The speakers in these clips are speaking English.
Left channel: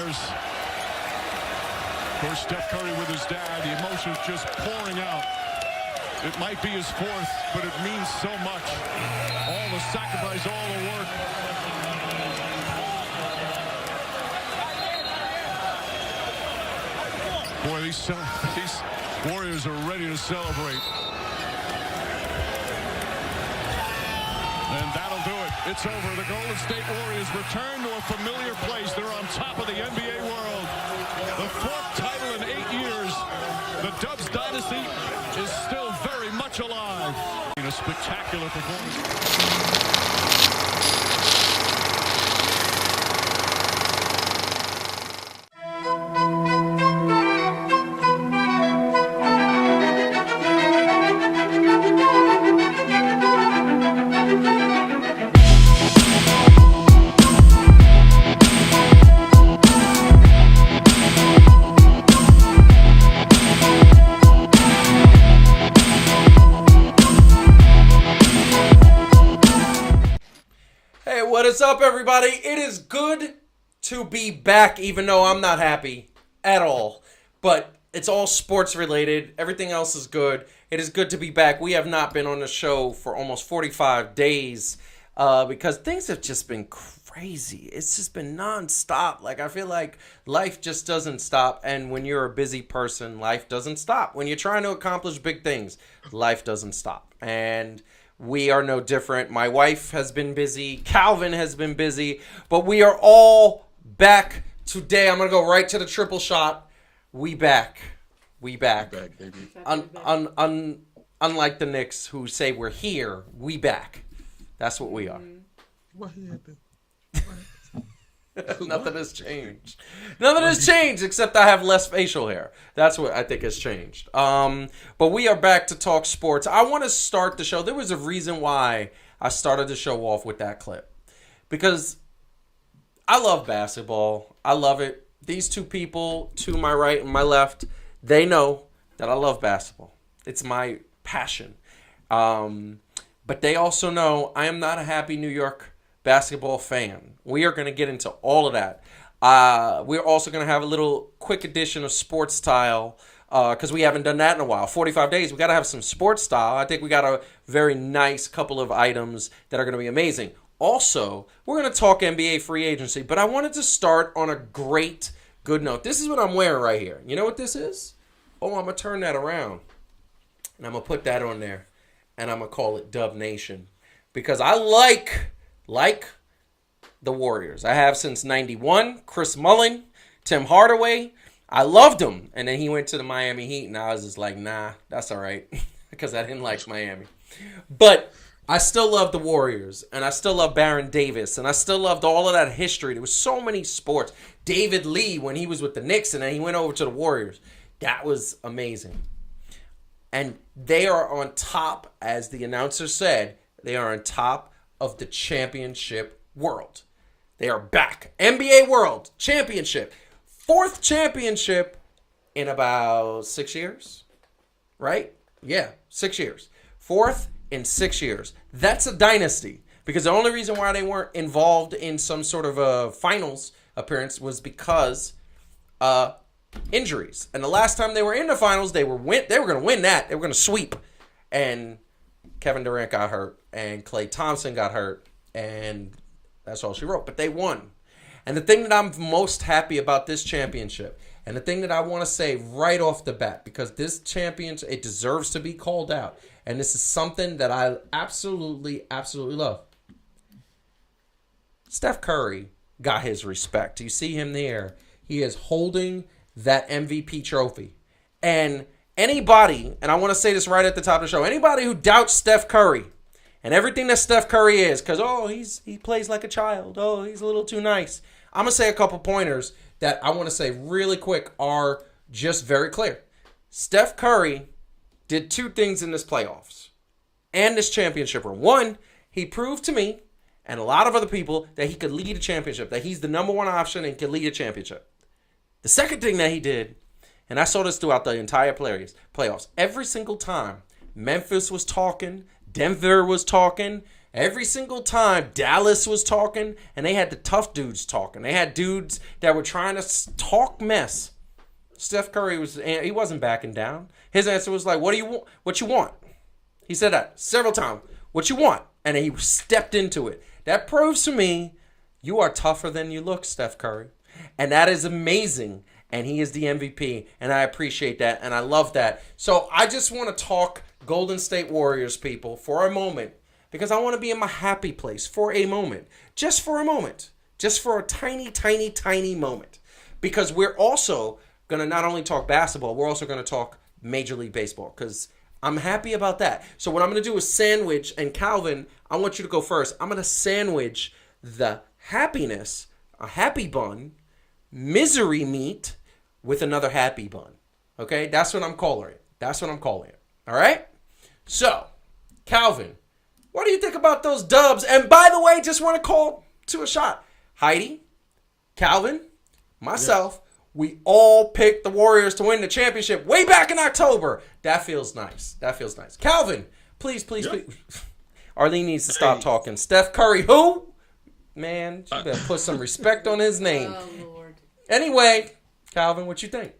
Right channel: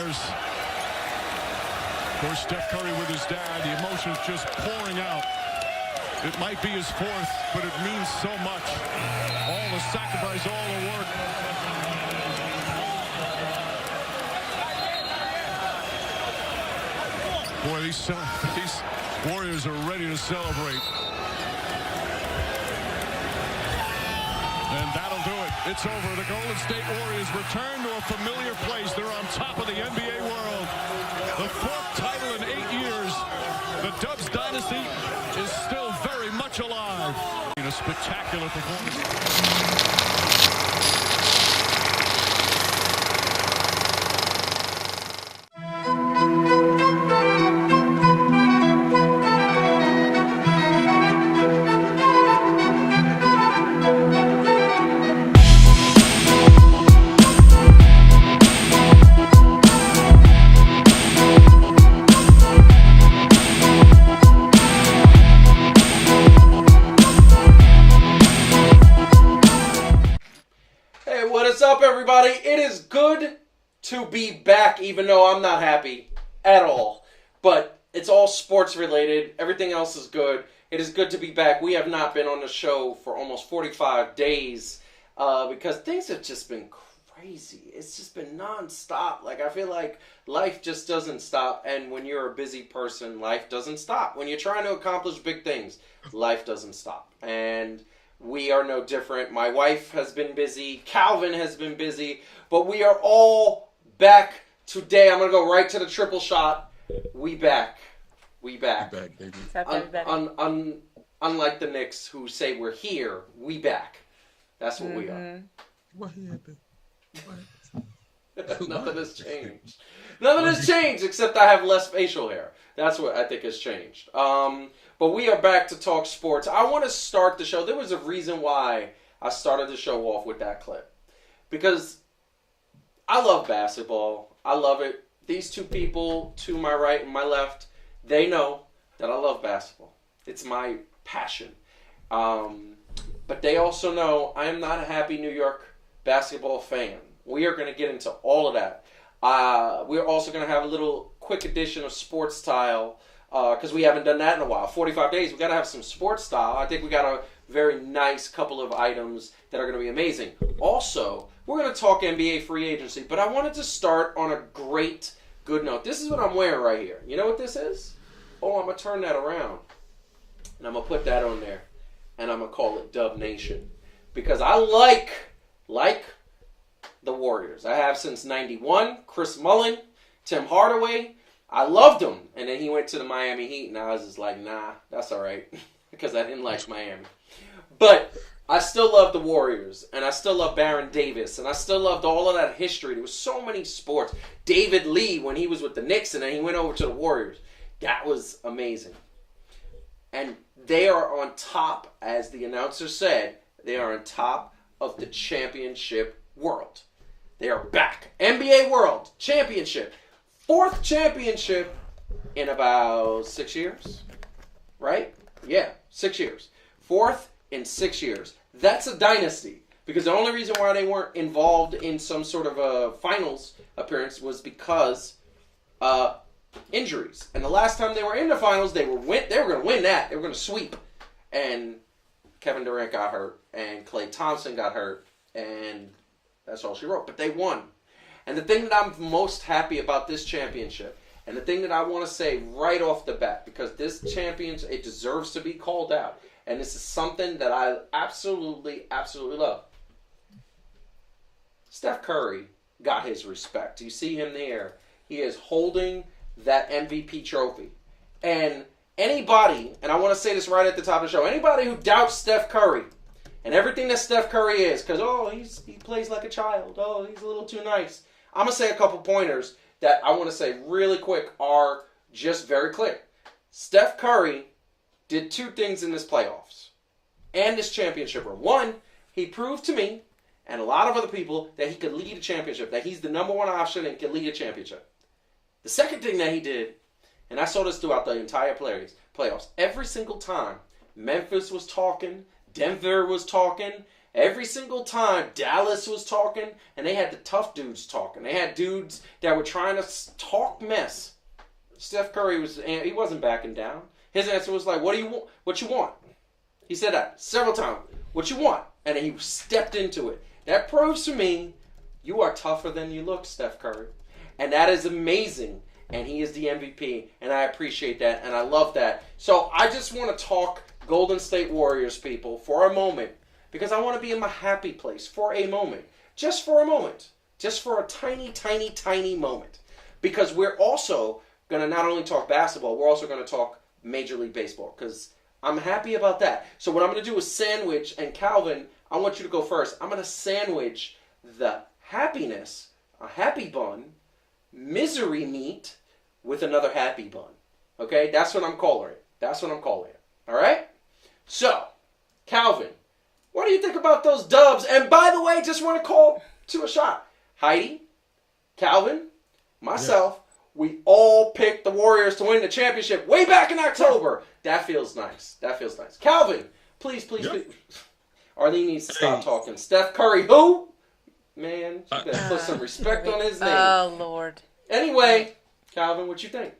Warriors. Of course, Steph Curry with his dad, the emotions just pouring out. It might be his fourth, but it means so much. All the sacrifice, all the work. Boy, these Warriors are ready to celebrate. And that'll do it. It's over. The Golden State Warriors return to a familiar place. They're on top of the NBA world. The fourth title in 8 years. The Dubs dynasty is still very much alive. In a spectacular performance. What's up, everybody? It is good to be back, even though I'm not happy at all. But it's all sports related. Everything else is good. It is good to be back. We have not been on the show for almost 45 days because things have just been crazy. It's just been nonstop. Like, I feel like life just doesn't stop. And when you're a busy person, life doesn't stop. When you're trying to accomplish big things, life doesn't stop. And we are no different. My wife has been busy. Calvin has been busy. But we are all back today. I'm going to go right to the triple shot. We back. We back. We back, baby. Unlike the Knicks who say we're here, we back. That's what we are. What happened? Nothing has changed. Nothing has changed except I have less facial hair. That's what I think has changed. But we are back to talk sports. I want to start the show. There was a reason why I started the show off with that clip. Because I love basketball. I love it. These two people to my right and my left, they know that I love basketball. It's my passion. But they also know I am not a happy New York basketball fan. We are going to get into all of that. We're also going to have a little quick edition of sports style because we haven't done that in a while. 45 days, we got to have some sports style. I think we got a very nice couple of items that are going to be amazing. Also, we're going to talk NBA free agency, but I wanted to start on a good note. This is what I'm wearing right here. You know what this is? Oh, I'm going to turn that around, and I'm going to put that on there, and I'm going to call it Dub Nation because I like the Warriors. I have since 91. Chris Mullin, Tim Hardaway. I loved him. And then he went to the Miami Heat, and I was just like, nah, that's all right. because I didn't like Miami. But I still love the Warriors, and I still love Baron Davis, and I still loved all of that history. There was so many sports. David Lee, when he was with the Knicks, and then he went over to the Warriors. That was amazing. And they are on top, as the announcer said, they are on top of the championship world. They are back. NBA World Championship. 4th championship in about 6 years. Right? Yeah, 6 years. 4th in 6 years. That's a dynasty. Because the only reason why they weren't involved in some sort of a finals appearance was because injuries. And the last time they were in the finals, they were going to win that. They were going to sweep. And Kevin Durant got hurt. And Klay Thompson got hurt. And that's all she wrote. But they won. And the thing that I'm most happy about this championship, and the thing that I want to say right off the bat, because this championship, it deserves to be called out. And this is something that I absolutely, absolutely love. Steph Curry got his respect. You see him there. He is holding that MVP trophy. And anybody, and I want to say this right at the top of the show, anybody who doubts Steph Curry and everything that Steph Curry is, because, he plays like a child. Oh, he's a little too nice. I'm going to say a couple pointers that I want to say really quick are just very clear. Steph Curry did 2 things in this playoffs and this championship run. 1, he proved to me and a lot of other people that he could lead a championship, that he's the number 1 option and can lead a championship. The second thing that he did, and I saw this throughout the entire playoffs, every single time Memphis was talking, Denver was talking, Every single time Dallas was talking, and they had the tough dudes talking. They had dudes that were trying to talk mess. Steph Curry he wasn't backing down. His answer was like, "What do you want? What you want?" He said that several times. "What you want?" And he stepped into it. That proves to me you are tougher than you look, Steph Curry. And that is amazing. And he is the MVP. And I appreciate that. And I love that. So I just want to talk Golden State Warriors, people, for a moment. Because I want to be in my happy place for a moment. Just for a moment. Just for a tiny, tiny, tiny moment. Because we're also going to not only talk basketball, we're also going to talk Major League Baseball. Because I'm happy about that. So what I'm going to do is sandwich, and Calvin, I want you to go first. I'm going to sandwich the happiness, a happy bun, misery meat with another happy bun. Okay? That's what I'm calling it. That's what I'm calling it. All right? So, Calvin, what do you think about those dubs? And by the way, just want to call to a shot. Heidi, Calvin, myself, we all picked the Warriors to win the championship way back in October. That feels nice. That feels nice. Calvin, please. Arlene needs to stop talking. Steph Curry, who? Man, you better put some respect on his name. Oh, Lord. Anyway, Calvin, what you think?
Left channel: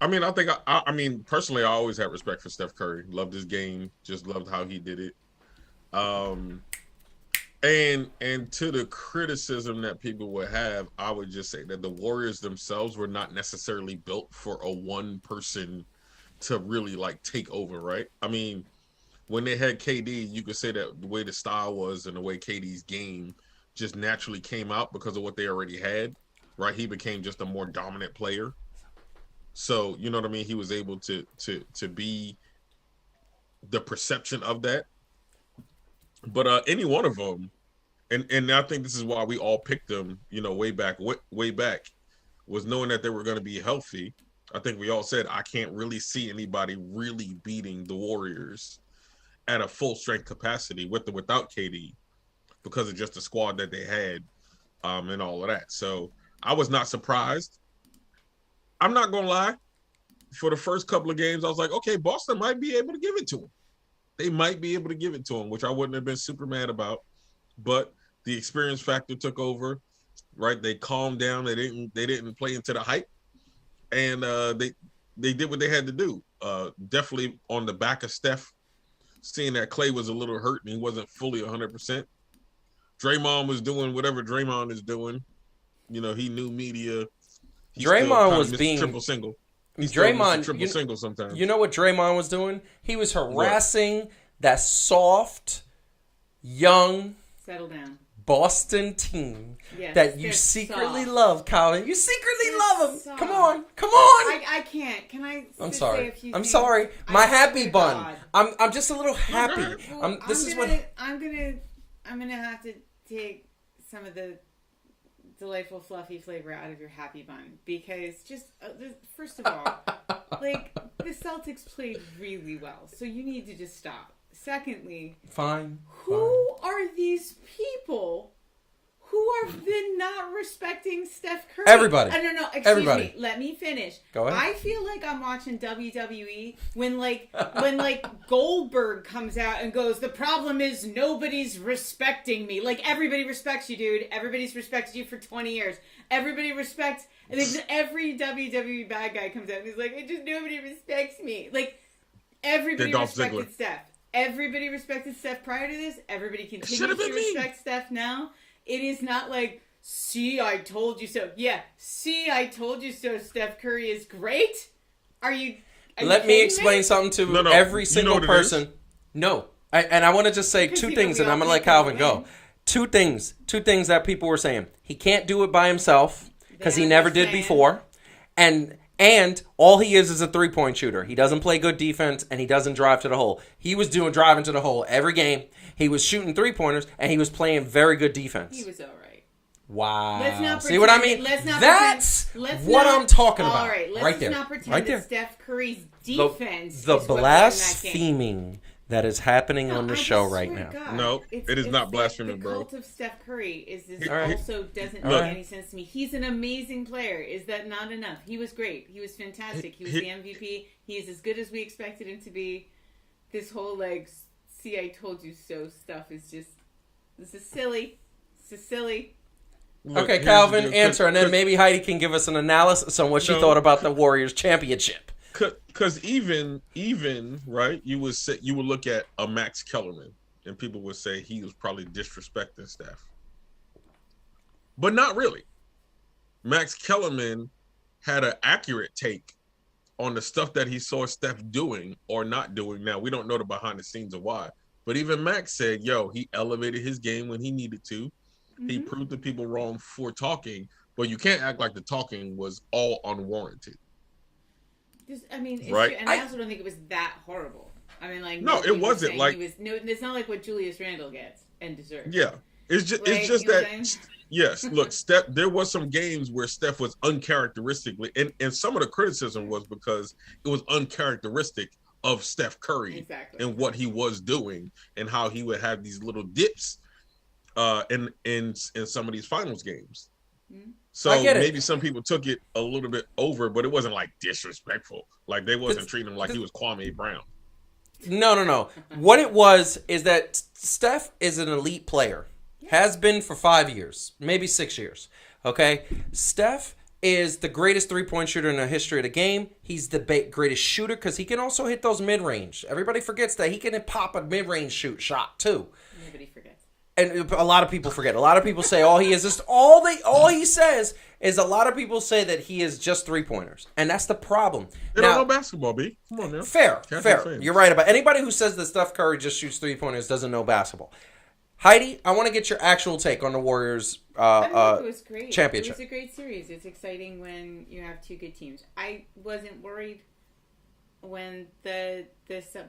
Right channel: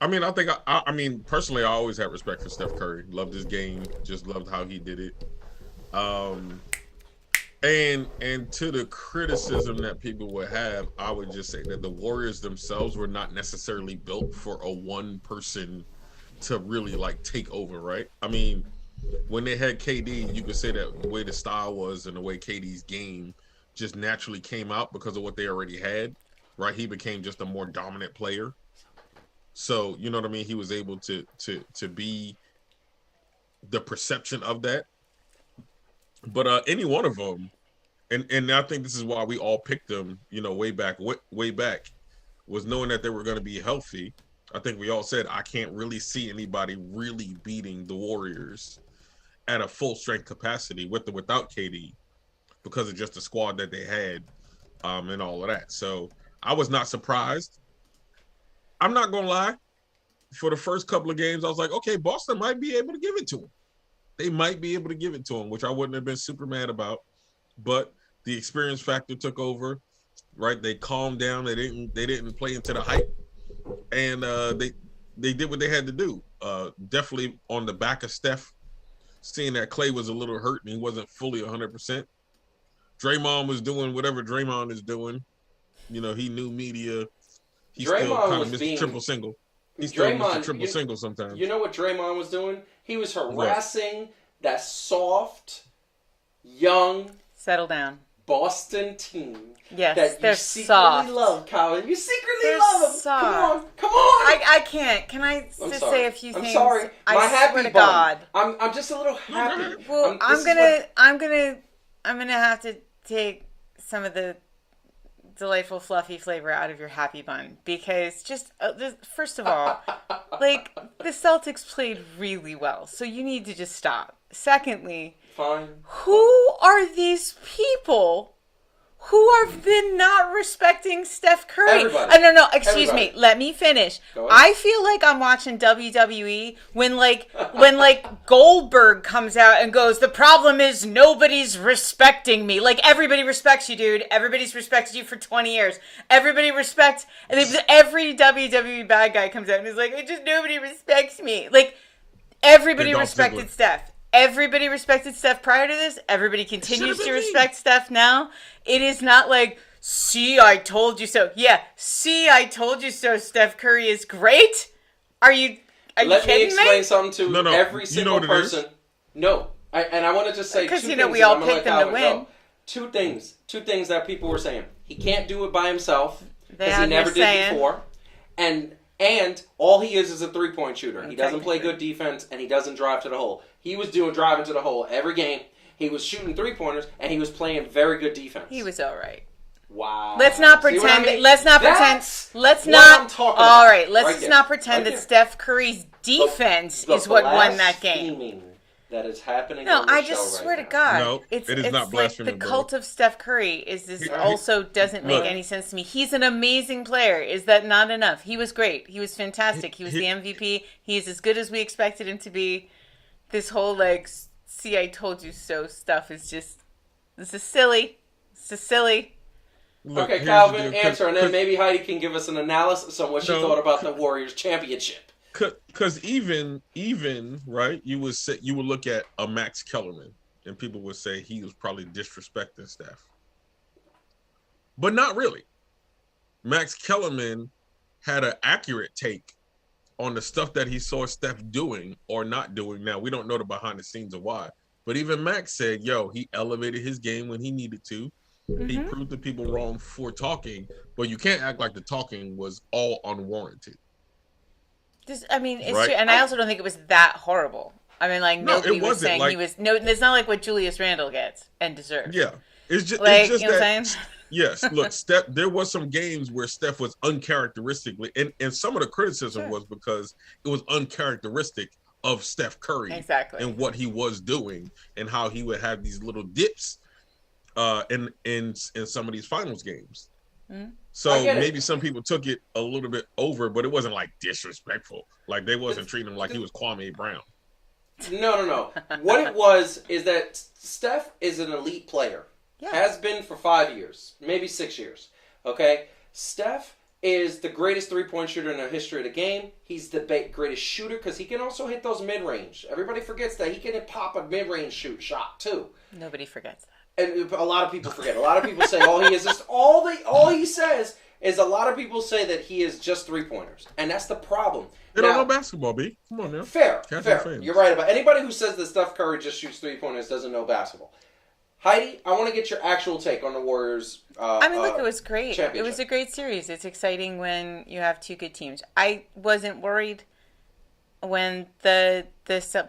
I mean, I mean, personally, I always had respect for Steph Curry. Loved his game. Just loved how he did it. And to the criticism that people would have, I would just say that the Warriors themselves were not necessarily built for a one person to really like take over, right? I mean, when they had KD, you could say that the way the style was and the way KD's game just naturally came out because of what they already had, right? He became just a more dominant player. So, you know what I mean? He was able to be the perception of that. But any one of them, and I think this is why we all picked them, you know, way back, was knowing that they were going to be healthy. I think we all said, I can't really see anybody really beating the Warriors at a full strength capacity with or without KD because of just the squad that they had and all of that. So I was not surprised. I'm not going to lie. For the first couple of games, I was like, okay, Boston might be able to give it to them. They might be able to give it to him, which I wouldn't have been super mad about. But the experience factor took over, right? They calmed down. They didn't play into the hype, and they did what they had to do. Definitely on the back of Steph, seeing that Klay was a little hurt and he wasn't fully 100%. Draymond was doing whatever Draymond is doing. You know, he knew media. He Draymond still kind was of being triple single. He's Draymond, triple single sometimes. You know what Draymond was doing? He was harassing that soft, young, settle down Boston team Yes, that you secretly soft. love, Calvin. You secretly They're love them. soft. Come on. I can't. Can I I'm just sorry. say a few I'm things? sorry. I My swear happy to bun. God. I'm just a little happy. Well, I'm gonna have to take some of the delightful fluffy flavor out of your happy bun because just first of all, like the Celtics played really well, so you need to just stop. Secondly, who are these people who have been not respecting Steph Curry? Everybody. No, excuse me. Let me finish. Go ahead. I feel like I'm watching WWE when Goldberg comes out and goes, the problem is nobody's respecting me. Like, everybody respects you, dude. Everybody's respected you for 20 years. Everybody respects, and then every WWE bad guy comes out and is like, it just nobody respects me. Like, everybody respected Steph. Everybody respected Steph prior to this. Everybody continues to respect Steph now. It is not like, see, I told you so. Yeah, see, I told you so. Steph Curry is great. Are you Let me explain something to every single person. Is? No. I want to just say two things, and I'm going to let Calvin go. Two things that people were saying. He can't do it by himself because he never did before. And all he is a three-point shooter. He doesn't play good defense, and he doesn't drive to the hole. He was driving to the hole every game. He was shooting three-pointers, and he was playing very good defense. He was all right. Wow. Let's not pretend. See what I mean? That's what I'm talking about. All right, let's right not pretend that Steph Curry's defense is what won that game. Blaspheming that is happening on the show right now. I swear to God. No, it is not blasphemy, like bro. the cult of Steph Curry also doesn't make any sense to me. He's an amazing player. Is that not enough? He was great. He was fantastic. He was the MVP. He's as good as we expected him to be. This whole, see, I told you so stuff is just This is silly. Look, Okay, here's the Calvin, deal. answer, and then maybe Heidi can give us an analysis on what she thought about the Warriors championship. Because even right, you would look at a Max Kellerman, and people would say he was probably disrespecting Steph, but not really. Max Kellerman had an accurate take on the stuff that he saw Steph doing or not doing. Now, we don't know the behind the scenes of why, but even Max said, yo, he elevated his game when he needed to. He proved the people wrong for talking, but you can't act like the talking was all unwarranted. It's right? true, and I also don't think it was that horrible. I mean, like, no, it wasn't like it's not like what Julius Randle gets and deserves. Yeah, it's just that. Yes, look, Steph. There was some games where Steph was uncharacteristically, and some of the criticism was because it was uncharacteristic of Steph Curry and what he was doing and how he would have these little dips in some of these finals games. So maybe some people took it a little bit over, but it wasn't like disrespectful. Like they wasn't treating him like he was Kwame Brown. No. What it was is that Steph is an elite player. Yeah. Has been for 5 years, maybe 6 years. Okay? Steph is the greatest three-point shooter in the history of the game. He's the greatest shooter because he can also hit those mid-range. Everybody forgets that he can pop a mid-range shot too. Nobody forgets that. And a lot of people forget. A lot of people say all he is just all he says is a lot of people say that he is just three-pointers. And that's the problem. They don't know basketball, B. Come on now. Fair. You're right about anybody who says that Steph Curry just shoots three-pointers doesn't know basketball. Heidi, I want to get your actual take on the Warriors. Look, it was great. Championship. It was a great series. It's exciting when you have two good teams. I wasn't when the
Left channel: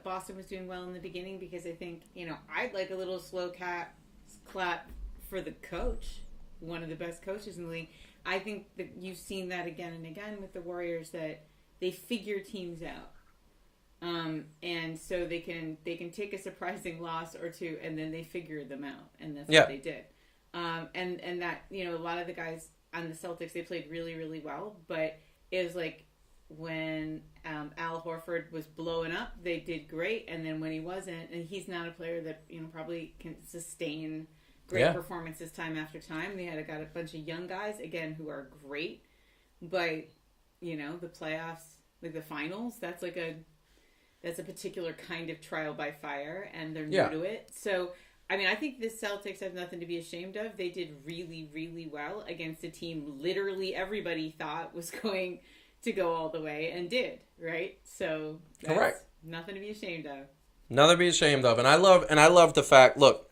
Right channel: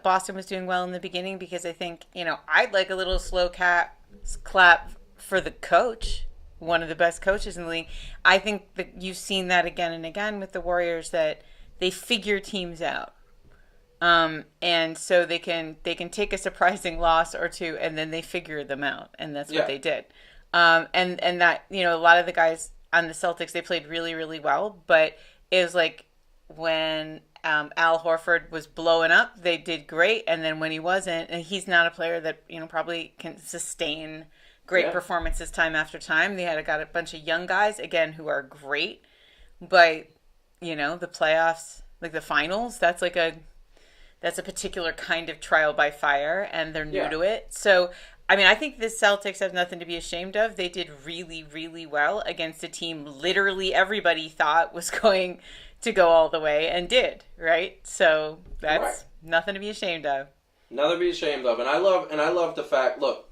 Boston was doing well in the beginning because I think I'd like a little slow clap for the coach, one of the best coaches in the league. I think that you've seen that again and again with the Warriors that they figure teams out. And so they can take a surprising loss or two and then they figure them out. And that's what they did. And that, a lot of the guys on the Celtics, they played really, really well, but it was like when, Al Horford was blowing up, they did great. And then when he wasn't, and he's not a player that, probably can sustain great performances time after time. They got a bunch of young guys again, who are great, but the playoffs, like the finals, that's a particular kind of trial by fire, and they're new to it. So, I think the Celtics have nothing to be ashamed of. They did really, really well against a team literally everybody thought was going to go all the way and did, right? So that's nothing to be ashamed of. Nothing to be ashamed of. And I love the fact, look,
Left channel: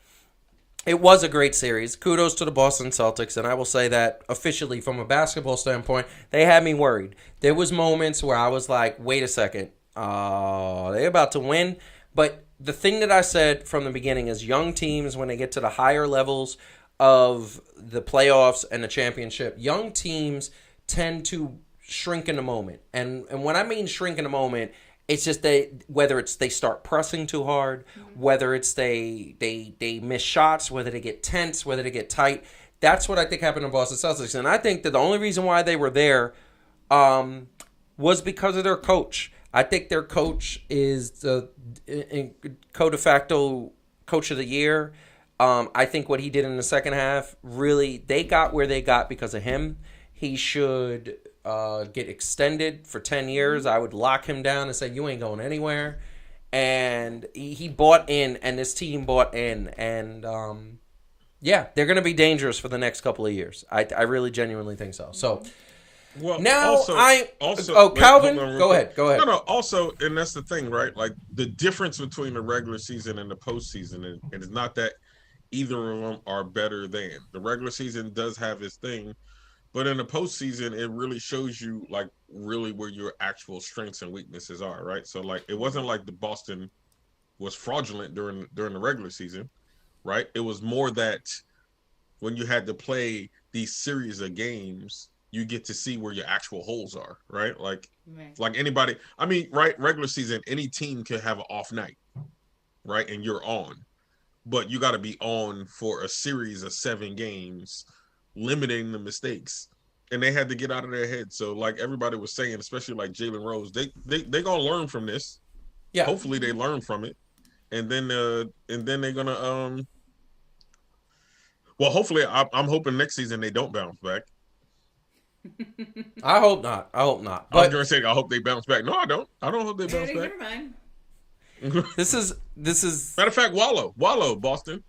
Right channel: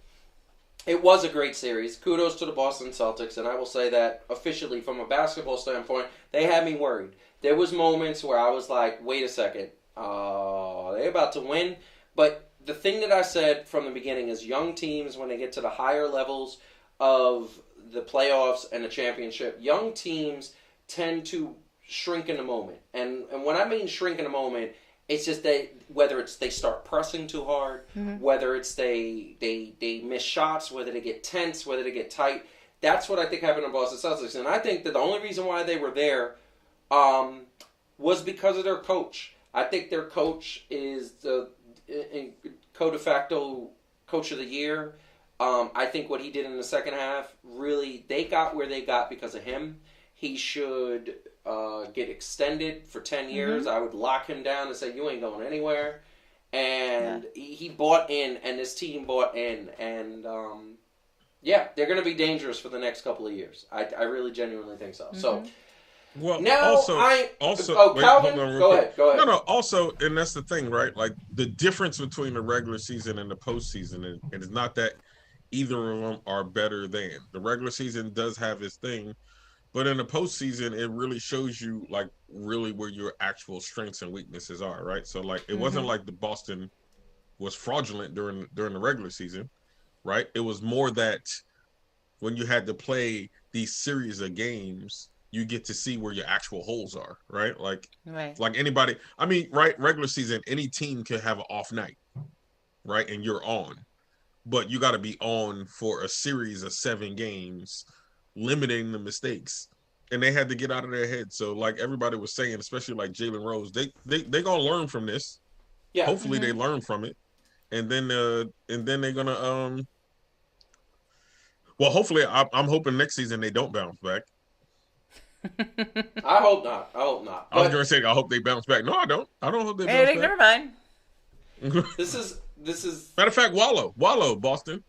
it was a great series. Kudos to the Boston Celtics, and I will say that officially from a basketball standpoint, they had me worried. There was moments where I was like, wait a second. They're about to win. But the thing that I said from the beginning is young teams, when they get to the higher levels of the playoffs and the championship, young teams tend to shrink in the moment. And when I mean shrink in the moment, it's just whether it's they start pressing too hard, whether it's they miss shots, whether they get tense, whether they get tight. That's what I think happened to Boston Celtics. And I think that the only reason why they were there was because of their coach. I think their coach is the de facto coach of the year. I think what he did in the second half, really, they got where they got because of him. He should get extended for 10 years. I would lock him down and say, you ain't going anywhere. And he bought in, and this team bought in. And, they're going to be dangerous for the next couple of years. I really genuinely think so. So... Well, now Calvin, go ahead. No, also, and that's the thing, right? Like the difference between the regular season and the postseason, and it's not that either of them are better than. The regular season does have its thing, but in the postseason, it really shows you like really where your actual strengths and weaknesses are, right? So like it wasn't like the Boston was fraudulent during the regular season, right? It was more that when you had to play these series of games, you get to see where your actual holes are, right? Like anybody, right? Regular season, any team could have an off night, right? And you're on, but you got to be on for a series of 7 games, limiting the mistakes. And they had to get out of their head. So like everybody was saying, especially like Jalen Rose, they gonna learn from this. Yeah. Hopefully they learn from it, and then they're gonna Well, hopefully, I'm hoping next season they don't bounce back. I hope not. I hope not. I was But going to say I hope they bounce back. No, I don't. I don't hope they bounce Never back. mind. this is Matter of fact, Wallow, Boston.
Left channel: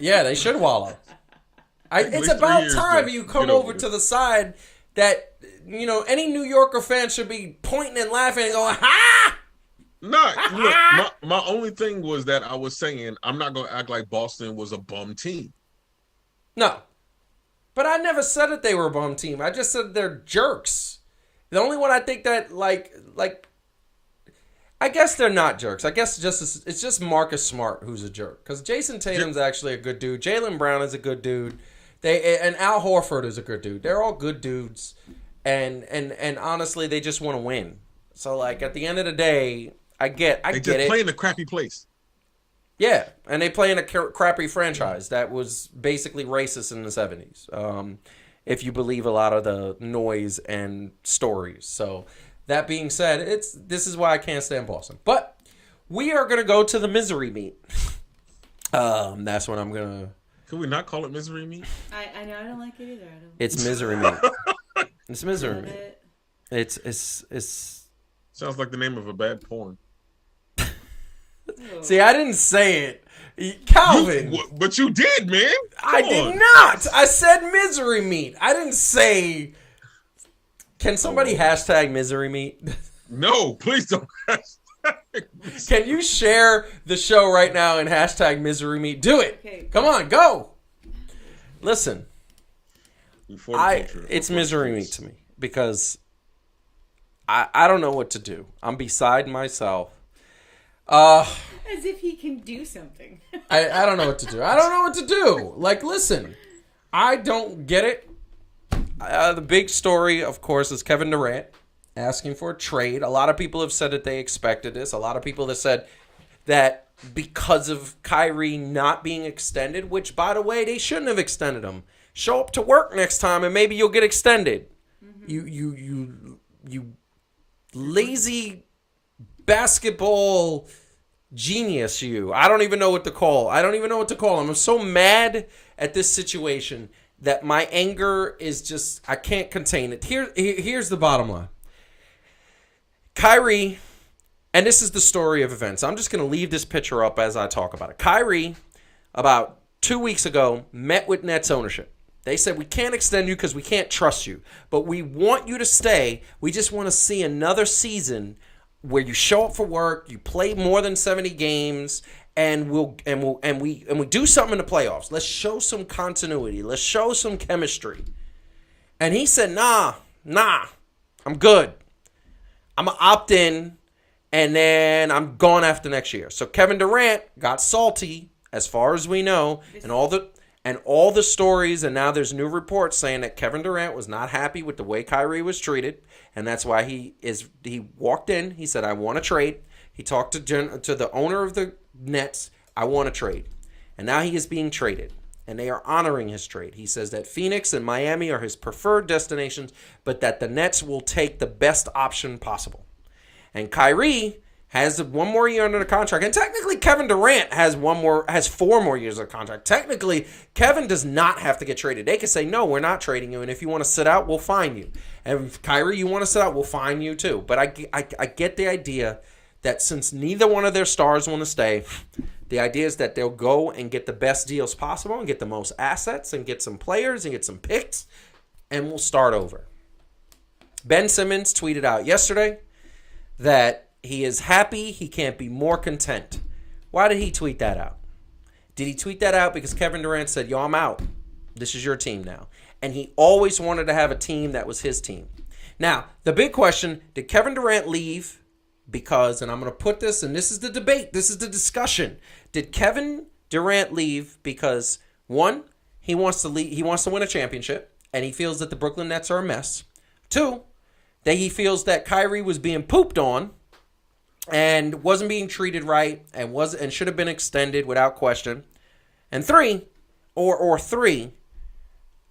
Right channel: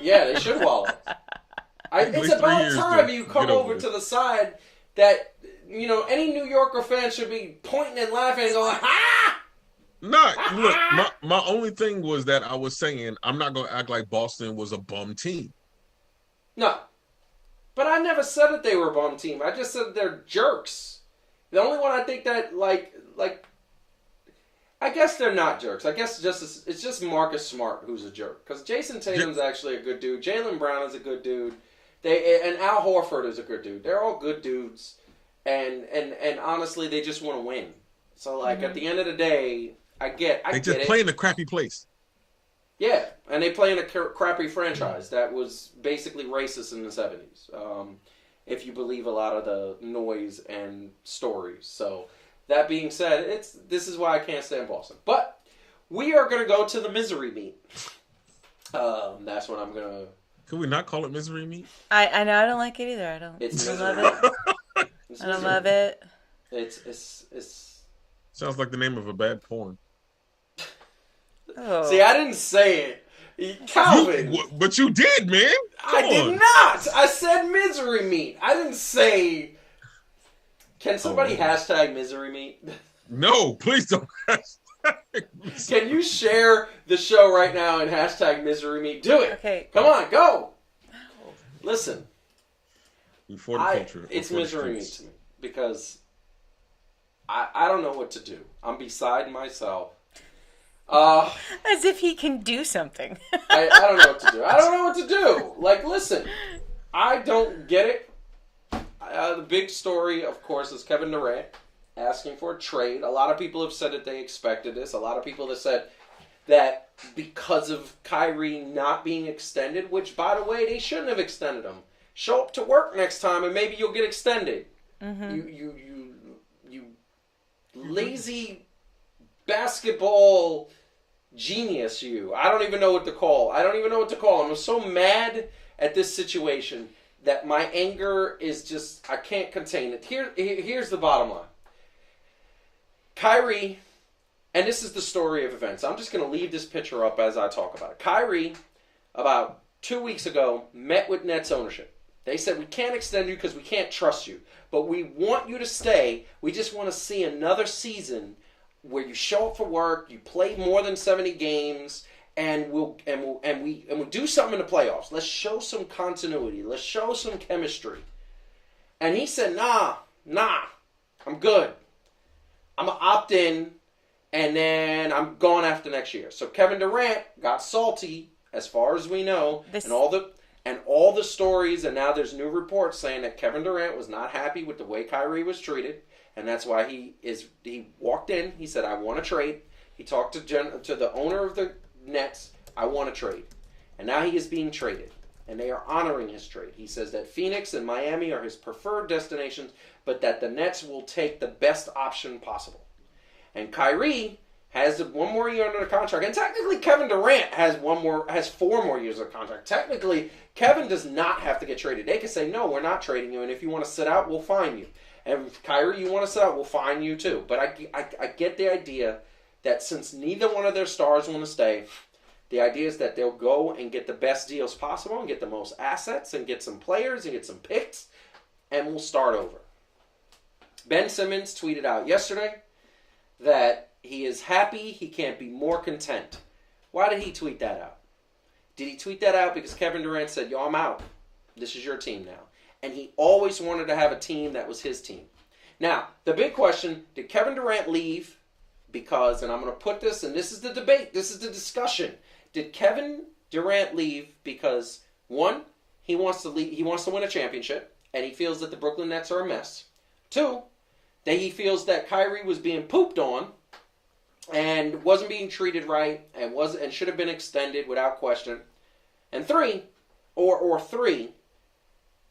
yeah, they should wallow. It's least 3 about years time to you come get over over to this. the side that any New Yorker fan should be pointing and laughing and going, "Ha!" No, look, my only thing was that I was saying I'm not going to act like Boston was a bum team. No. But I never said that they were a bum team. I just said they're jerks. The only one I think that like I guess they're not jerks. I guess it's just Marcus Smart who's a jerk. Because Jason Tatum's actually a good dude. Jaylen Brown is a good dude. And Al Horford is a good dude. They're all good dudes. And honestly, they just want to win. So like at the end of the day, I get They just it. play in a crappy place. Yeah, and they play in a crappy franchise that was basically racist in the 70s, if you believe a lot of the noise and stories. So, that being said, this is why I can't stand Boston. But we are going to go to the misery meet. That's what I'm going to... Could we not call it misery meat? I know I don't like it either. I don't. It's misery meet. It's I misery love meet. it. It's... Sounds like the name of a bad porn. Oh. See, I didn't say it. Calvin. But you did, man. I Come did on. not. I said misery meat. I didn't say. Can somebody hashtag misery meat? No, please don't. Can you share the show right now and hashtag misery meat? Do it. Okay. Come on, go. Listen, For the culture. it's For the misery meat streets. to me because I don't know what to do. I'm beside myself. As if he can do something. I don't know what to do. I don't know what to do. Like, listen, I don't get it. The big story, of course, is Kevin Durant asking for a trade. A lot of people have said that they expected this. A lot of people have said that because of Kyrie not being extended, which, by the way, they shouldn't have extended him. Show up to work next time and maybe you'll get extended. Mm-hmm. You lazy basketball genius, you. I don't even know what to call. I'm so mad at this situation that my anger is just, I can't contain it. Here's the bottom line. Kyrie, and this is the story of events. I'm just going to leave this picture up as I talk about it. Kyrie, about 2 weeks ago, met with Nets ownership. They said, we can't extend you because we can't trust you, but we want you to stay. We just want to see another season where you show up for work, you play more than 70 games, and we do something in the playoffs. Let's show some continuity. Let's show some chemistry. And he said, nah, I'm good. I'm going to opt in, and then I'm gone after next year. So Kevin Durant got salty, as far as we know, and all the stories, and now there's new reports saying that Kevin Durant was not happy with the way Kyrie was treated, and that's why he walked in. He said, I want to trade. He talked to the owner of the Nets. I want to trade. And now he is being traded. And they are honoring his trade. He says that Phoenix and Miami are his preferred destinations, but that the Nets will take the best option possible. And Kyrie has 1 more year under the contract. And technically, Kevin Durant has 4 more years of contract. Technically, Kevin does not have to get traded. They can say, no, we're not trading you. And if you want to sit out, we'll fine you. And if Kyrie, you want to sit out, we'll fine you too. But I get the idea that since neither one of their stars want to stay, the idea is that they'll go and get the best deals possible and get the most assets and get some players and get some picks, and we'll start over. Ben Simmons tweeted out yesterday that he is happy he can't be more content. Why did he tweet that out? Did he tweet that out because Kevin Durant said, yo, I'm out. This is your team now. And he always wanted to have a team that was his team. Now, the big question, did Kevin Durant leave because, and I'm going to put this, and this is the debate, this is the discussion. Did Kevin Durant leave because, one, he wants to win a championship, and he feels that the Brooklyn Nets are a mess. 2, that he feels that Kyrie was being pooped on and wasn't being treated right and should have been extended without question. And 3,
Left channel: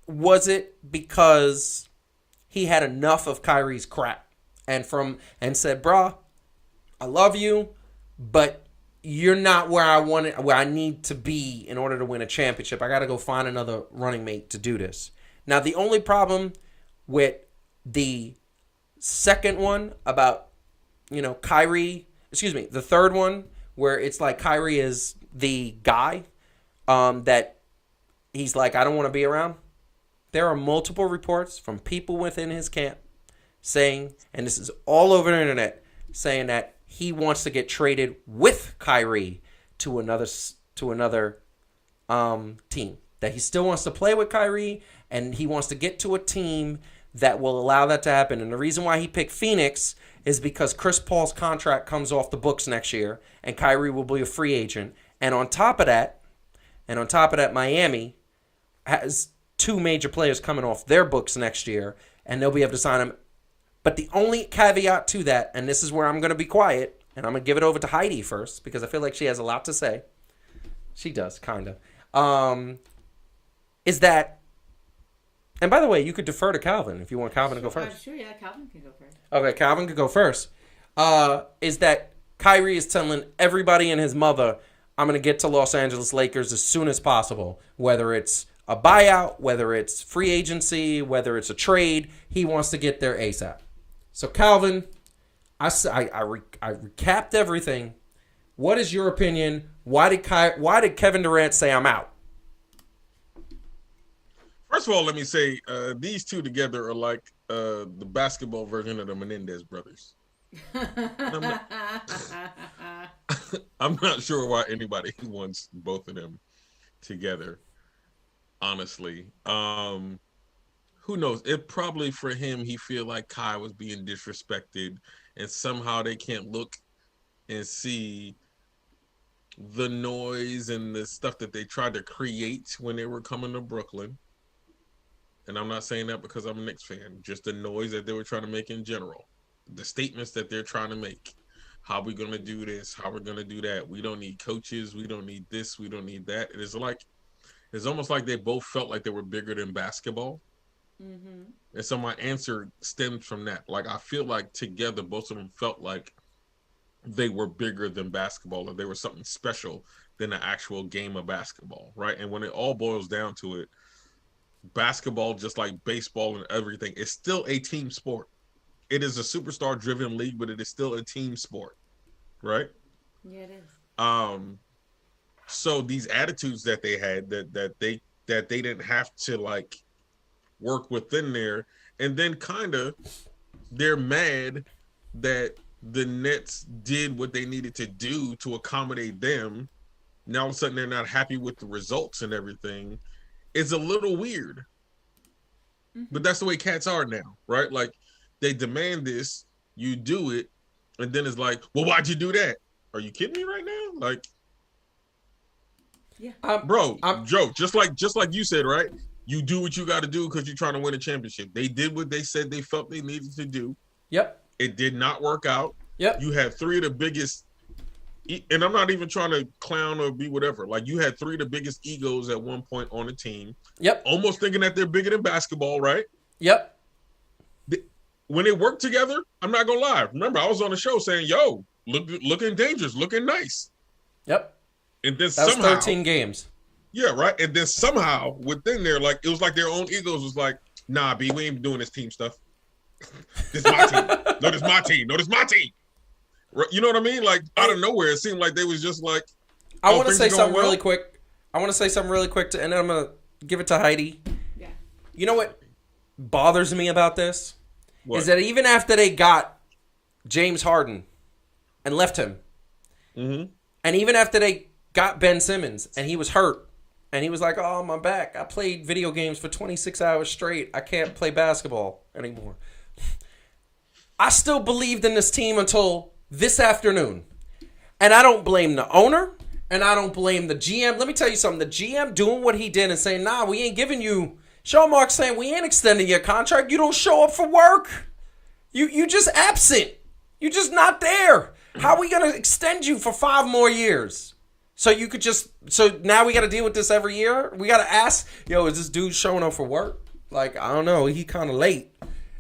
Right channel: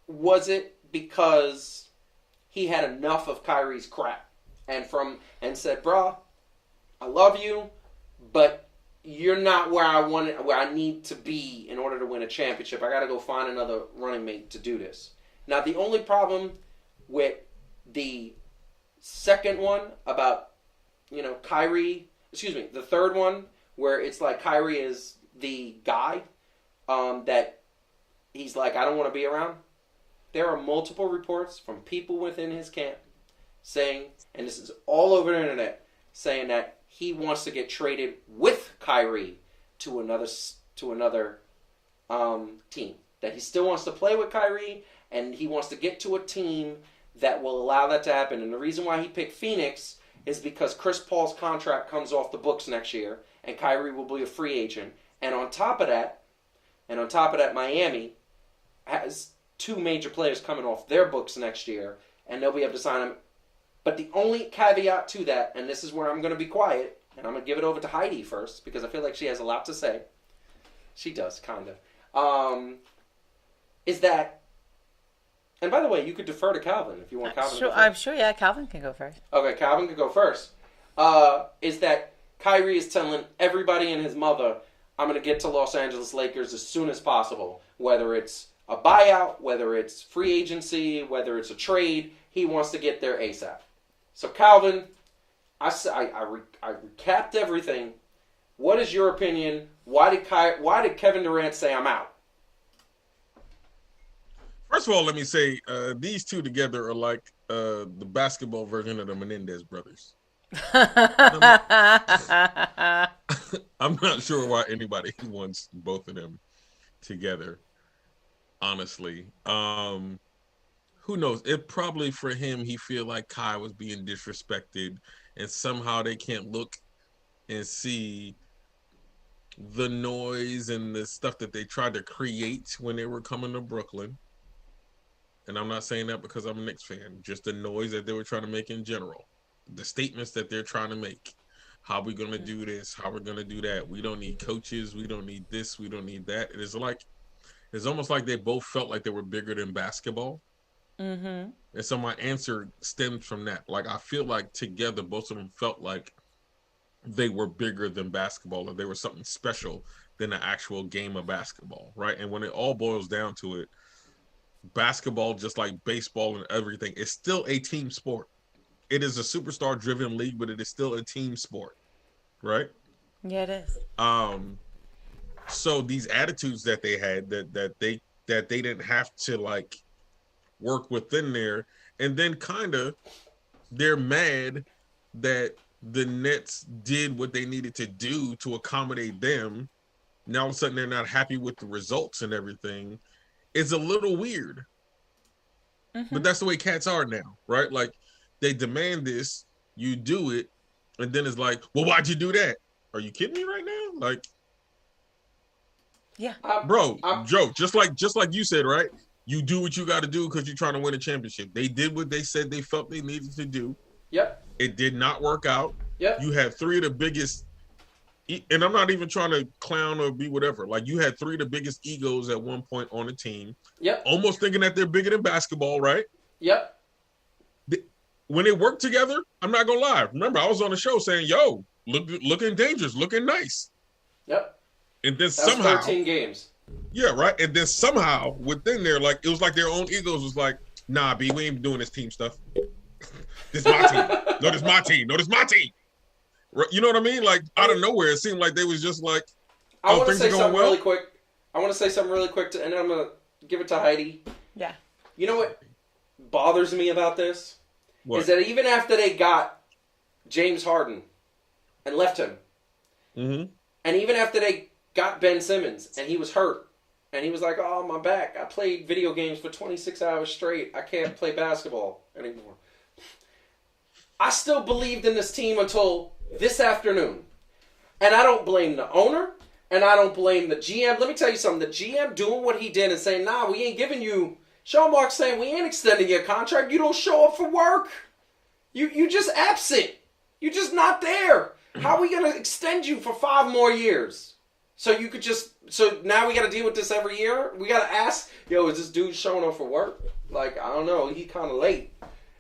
was it because he had enough of Kyrie's crap and said, bruh, I love you, but you're not where I need to be in order to win a championship. I got to go find another running mate to do this. Now, the only problem with the second one about, Kyrie, the third one where it's like Kyrie is the guy that he's like, I don't want to be around. There are multiple reports from people within his camp saying, and this is all over the internet, saying that he wants to get traded with Kyrie to another team. That he still wants to play with Kyrie, and he wants to get to a team that will allow that to happen. And the reason why he picked Phoenix is because Chris Paul's contract comes off the books next year, and Kyrie will be a free agent. And on top of that, Miami has 2 major players coming off their books next year, and they'll be able to sign them. But the only caveat to that, and this is where I'm going to be quiet, and I'm going to give it over to Heidi first, because I feel like she has a lot to say. She does, kind of. Is that, and by the way, you could defer to Calvin if you want Calvin to go first. I'm sure, yeah, Calvin can go first. Okay, Calvin could go first. Is that Kyrie is telling everybody and his mother, I'm going to get to Los Angeles Lakers as soon as possible, whether it's a buyout, whether it's free agency, whether it's a trade. He wants to get there ASAP. So, Calvin, I recapped everything. What is your opinion? Why did Kevin Durant say I'm out? First of all, let me say these two together are like the basketball version of the Menendez brothers. I'm not sure why anybody wants both of them together. Honestly, who knows? It probably for him, he feel like Kai was being disrespected, and somehow they can't look and see the noise and the stuff that they tried to create when they were coming to Brooklyn. And I'm not saying that because I'm a Knicks fan, just the noise that they were trying to make in general, the statements that they're trying to make. How we going to do this? How we're going to do that? We don't need coaches. We don't need this. We don't need that. It's almost like they both felt like they were bigger than basketball. Mm-hmm. And so my answer stems from that. Like, I feel like together, both of them felt like they were bigger than basketball, or they were something special than the actual game of basketball, right? And when it all boils down to it, basketball, just like baseball and everything, is still a team sport. It is a superstar-driven league, but it is still a team sport, right? Yeah, it is. So these attitudes that they had, that they didn't have to like work within there, and then kind of they're mad that the Nets did what they needed to do to accommodate them. Now all of a sudden they're not happy with the results and everything. It's a little weird, but that's the way cats are now, right? Like, they demand this, you do it, and then it's like, well, why'd you do that? Are you kidding me right now? Like, yeah, bro, Joe, just like you said, right? You do what you got to do because you're trying to win a championship. They did what they said they felt they needed to do. Yep. It did not work out. Yep. You had 3 of the biggest, and I'm not even trying to clown or be whatever. Like, you had 3 of the biggest egos at one point on the team. Yep. Almost thinking that they're bigger than basketball, right? Yep. When they work together, I'm not gonna lie. Remember, I was on the show saying, "Yo, looking dangerous, looking nice." Yep. And then That's somehow 13 games. Yeah, right. And then somehow within there, like, it was like their own egos was like, "Nah, B, we ain't doing this team stuff. This is my team. No, this is my team. No, this is my team." Right? You know what I mean? Like, out of nowhere, it seemed like they was just like, I want to say something really quick. And then I'm gonna give it to Heidi. Yeah. You know what bothers me about this? What? Is that even after they got James Harden and left him, and even after they got Ben Simmons and he was hurt, and he was like, "Oh, my back. I played video games for 26 hours straight. I can't play basketball anymore." I still believed in this team until this afternoon. And I don't blame the owner, and I don't blame the GM. Let me tell you something. The GM doing what he did and saying, "Nah, we ain't giving you..." Showmark saying, "We ain't extending your contract. You don't show up for work. You just absent. You just not there. How are we going to extend you for 5 more years? So you could just... So now we got to deal with this every year? We got to ask, yo, is this dude showing up for work? Like, I don't know. He kind of late.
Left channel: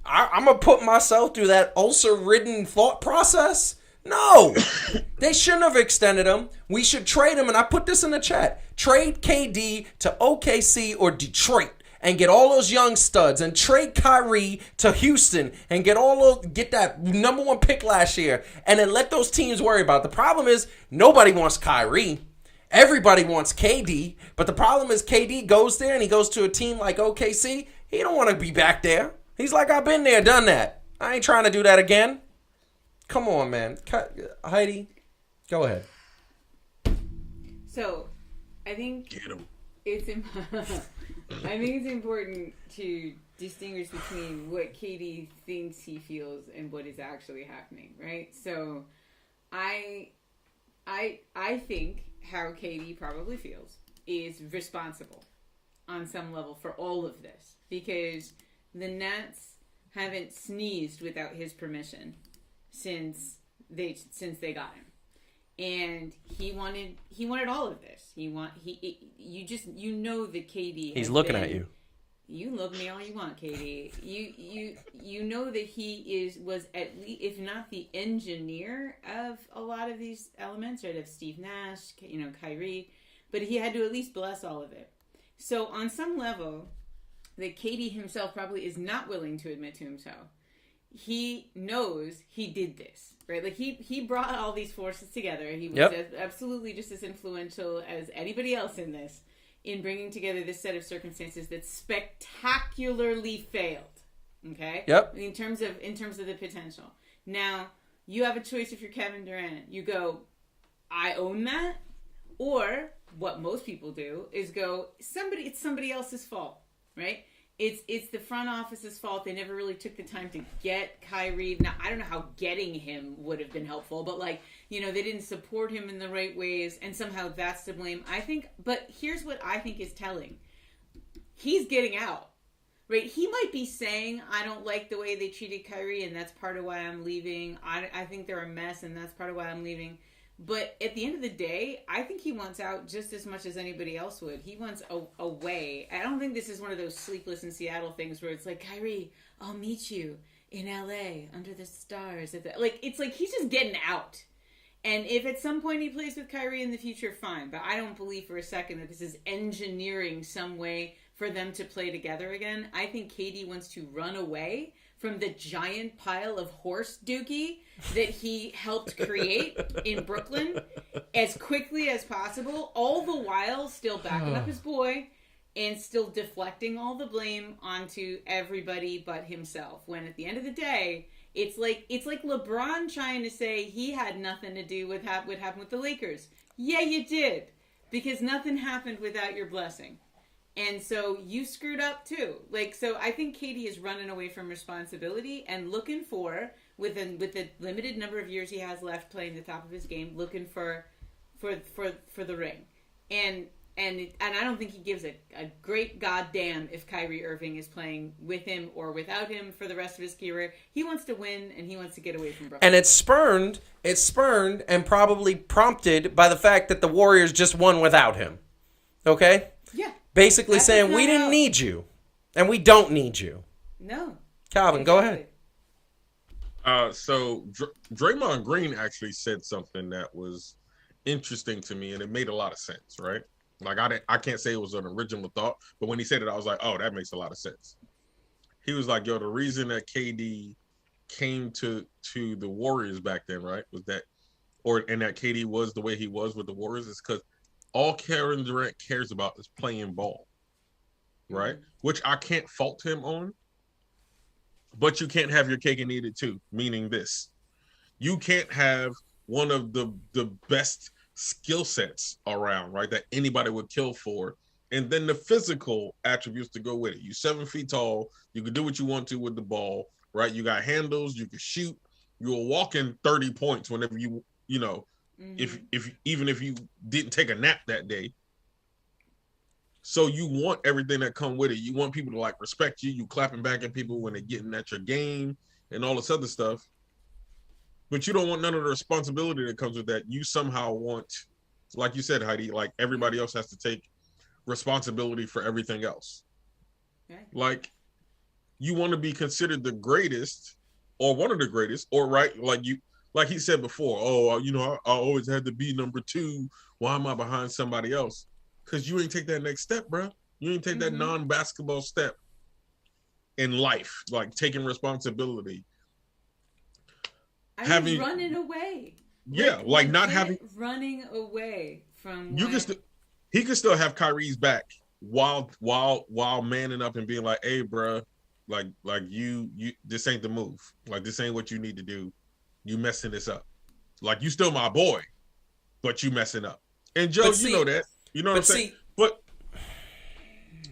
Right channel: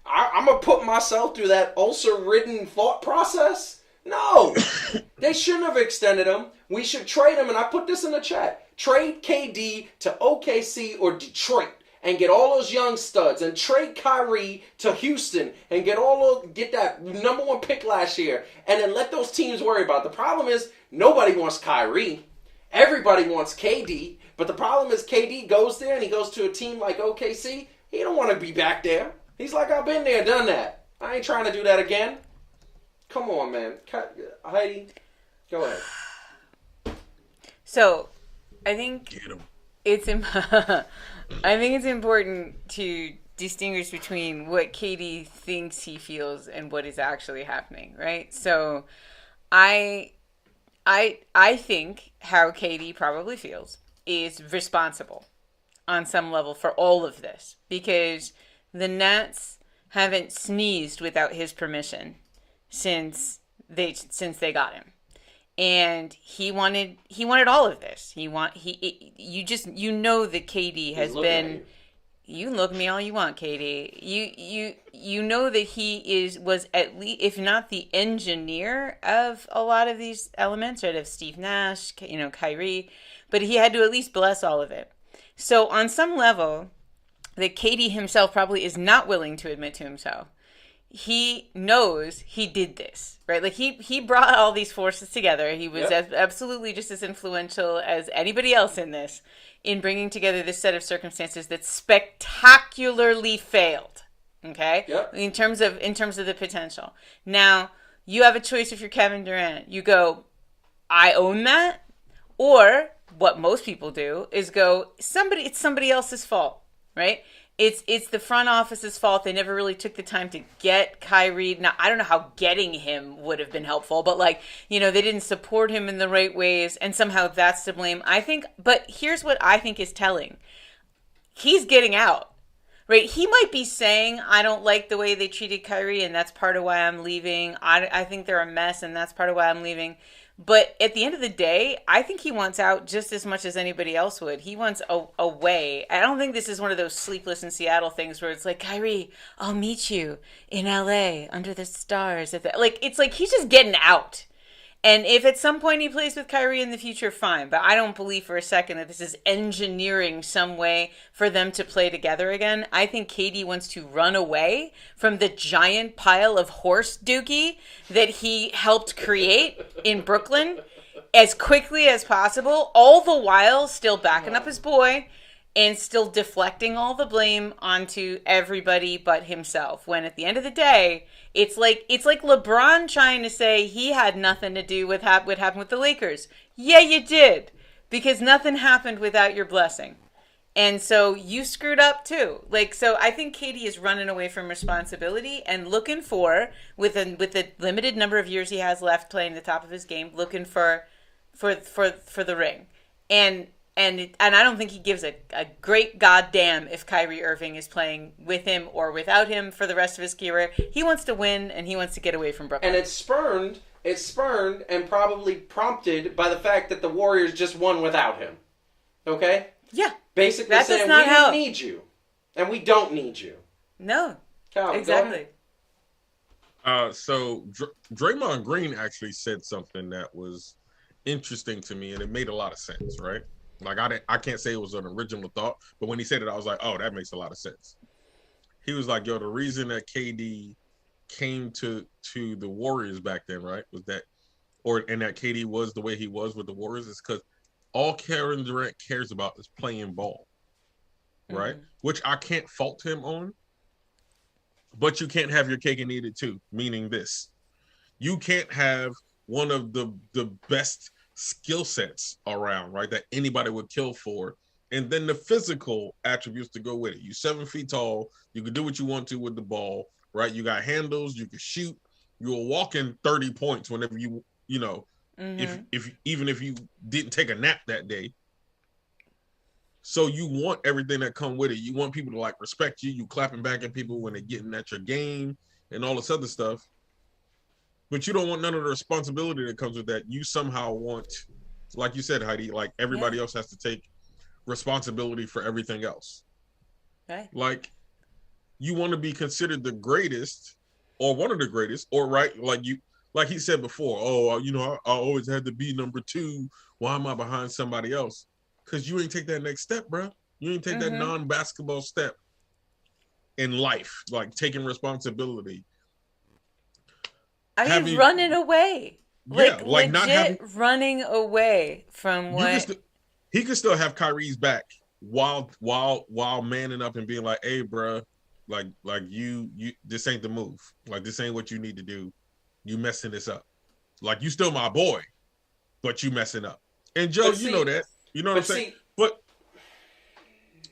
I'm going to put myself through that ulcer-ridden thought process No, they shouldn't have extended him. We should trade him, and I put this in the chat. Trade KD to OKC or Detroit and get all those young studs, and trade Kyrie to Houston and get that number 1 pick last year, and then let those teams worry about it. The problem is nobody wants Kyrie. Everybody wants KD, but the problem is KD goes there and he goes to a team like OKC. He don't want to be back there. He's like, I've been there, done that. I ain't trying to do that again. Come on, man. Heidi, go ahead. So, I think Get him. I think it's important to distinguish between what KD thinks he feels and what is actually happening, right? So, I think how KD probably feels is responsible on some level for all of this, because the Nets haven't sneezed without his permission since they got him, and he wanted all of this. You know that KD has He's looking been. at you. You can look at me all you want, KD. You know that he was at least, if not the engineer of a lot of these elements, right? Of Steve Nash, Kyrie, but he had to at least bless all of it. So on some level, that KD himself probably is not willing to admit to himself. He knows he did this, right? Like he brought all these forces together. He was absolutely just as influential as anybody else in this, in bringing together this set of circumstances that spectacularly failed. Okay? Yep. In terms of the potential. Now, you have a choice if you're Kevin Durant. You go, I own that, or what most people do is go, it's somebody else's fault, right? It's the front office's fault. They never really took the time to get Kyrie. Now, I don't know how getting him would have been helpful, but they didn't support him in the right ways, and somehow that's to blame. I think, but here's what I think is telling. He's getting out, right? He might be saying, I don't like the way they treated Kyrie, and that's part of why I'm leaving. I think they're a mess, and that's part of why I'm leaving. But at the end of the day, I think he wants out just as much as anybody else would. He wants away. I don't think this is one of those Sleepless in Seattle things where it's like, Kyrie, I'll meet you in LA under the stars. It's like he's just getting out. And if at some point he plays with Kyrie in the future, fine. But I don't believe for a second that this is engineering some way for them to play together again. I think KD wants to run away from the giant pile of horse dookie that he helped create in Brooklyn as quickly as possible, all the while still backing up his boy and still deflecting all the blame onto everybody but himself. When at the end of the day, it's like LeBron trying to say he had nothing to do with what happened with the Lakers. Yeah, you did, because nothing happened without your blessing. And so you screwed up too. So I think KD is running away from responsibility and looking for, with the limited number of years he has left playing the top of his game, looking for the ring. And I don't think he gives a great goddamn if Kyrie Irving is playing with him or without him for the rest of his career. He wants to win, and he wants to get away from Brooklyn. And it's spurned and probably prompted by the fact that the Warriors just won without him. Okay? Yeah. Basically saying, we didn't need you, and we don't need you. No. Calvin, exactly. Go ahead. So Draymond Green actually said something that was interesting to me, and it made a lot of sense, right? I can't say it was an original thought, but when he said it, I was like, oh, that makes a lot of sense. He was like, yo, the reason that KD came to the Warriors back then, right, was that, and that KD was the way he was with the Warriors, is because all Kevin Durant cares about is playing ball, right? Mm-hmm. Which I can't fault him on, but you can't have your cake and eat it too, meaning this. You can't have one of the best skill sets around, right, that anybody would kill for, and then the physical attributes to go with it. You 7 feet tall, you can do what you want to with the ball, right? You got handles, you can shoot, you'll walk in 30 points whenever you know, mm-hmm. if even if you didn't take a nap that day. So you want everything that come with it. You want people to respect you. You clapping back at people when they're getting at your game and all this other stuff. But you don't want none of the responsibility that comes with that. You somehow want, like you said, Heidi, everybody else has to take responsibility for everything else. Okay. You want to be considered the greatest or one of the greatest, or right, like he said before, oh, I always had to be number 2. Why am I behind somebody else? Because you ain't take that next step, bro. You ain't take that non-basketball step in life, like taking responsibility. I mean, running away. Yeah, like not having running away from what he could still have Kyrie's back while manning up and being like, hey, bro, like you this ain't the move. Like this ain't what you need to do. You messing this up. Like you still my boy, but you messing up. And Joe, you know that. You know what I'm saying?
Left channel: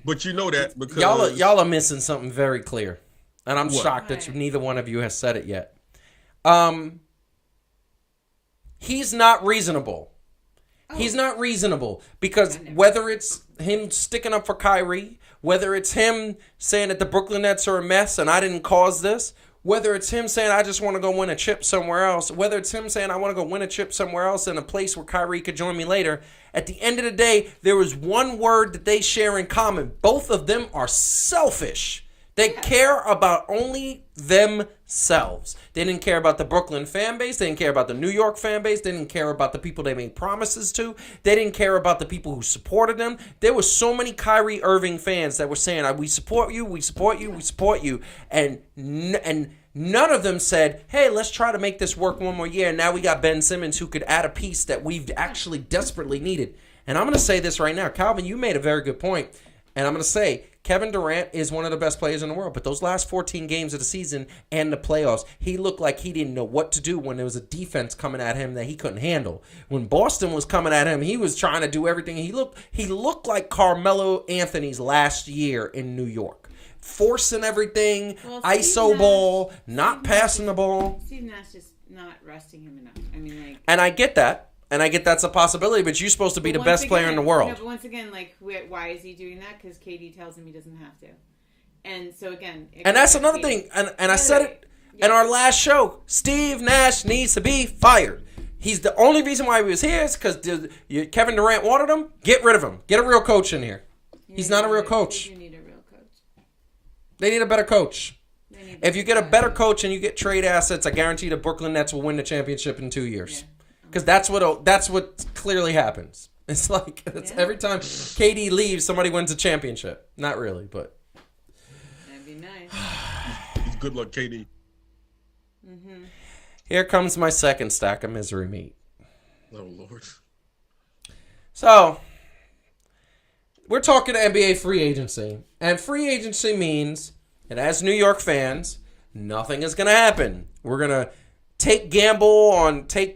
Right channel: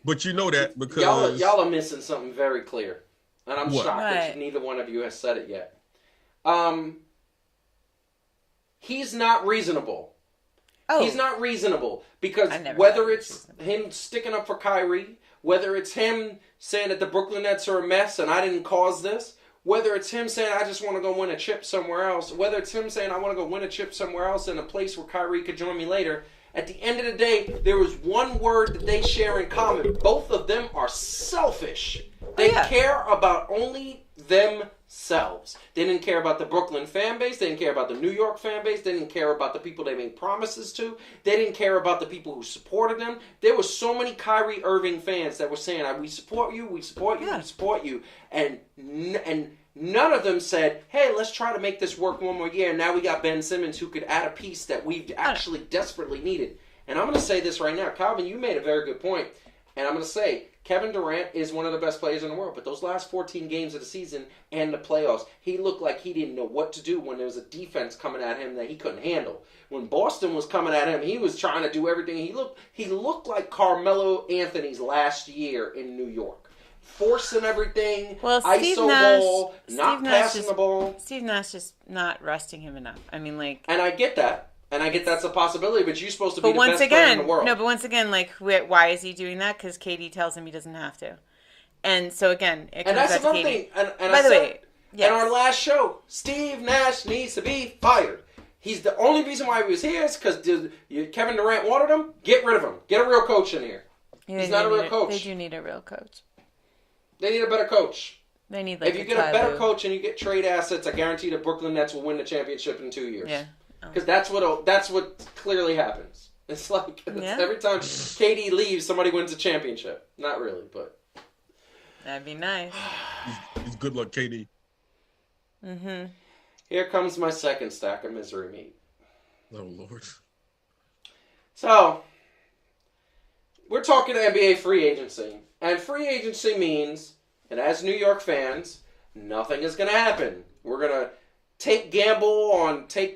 But you know that because y'all are missing something very clear. And I'm shocked that neither one of you has said it yet. He's not reasonable. Oh. He's not reasonable because whether it's him sticking up for Kyrie, whether it's him saying that the Brooklyn Nets are a mess and I didn't cause this, whether it's him saying I just want to go win a chip somewhere else, whether it's him saying I want to go win a chip somewhere else in a place where Kyrie could join me later, at the end of the day, there is one word that they share in common. Both of them are selfish. They care about only themselves. They didn't care about the Brooklyn fan base. They didn't care about the New York fan base. They didn't care about the people they made promises to. They didn't care about the people who supported them. There were so many Kyrie Irving fans that were saying, we support you, we support you, we support you. And none of them said, hey, let's try to make this work one more year. Now we got Ben Simmons who could add a piece that we've actually desperately needed. And I'm going to say this right now. Calvin, you made a very good point. And I'm going to say, Kevin Durant is one of the best players in the world, but those last 14 games of the season and the playoffs, he looked like he didn't know what to do when there was a defense coming at him that he couldn't handle. When Boston was coming at him, he was trying to do everything. He looked like Carmelo Anthony's last year in New York. Forcing everything, ISO ball, not passing the ball. Steve Nash is not resting him enough. I mean, like... And I get that. And I get that's a possibility, but you're supposed to be the best player in the world. No, but once again, like, why is he doing that? Because KD tells him he doesn't have to. And so, again... And that's another thing. And I said it in our last show. Steve Nash needs to be fired. He's the only reason why he was here is because Kevin Durant wanted him. Get rid of him. Get a real coach in here. He's not a real coach. They do need a real coach. They need a better coach. They need. If you get a better coach and you get trade assets, I guarantee the Brooklyn Nets will win the championship in 2 years. Yeah. Because that's what clearly happens. It's like every time KD leaves, somebody wins a championship. Not really, but that'd be nice. He's good luck, KD. Mm-hmm. Here comes my second stack of misery meat. Oh Lord. So we're talking NBA free agency, and free agency means that as New York fans, nothing is going to happen. We're gonna take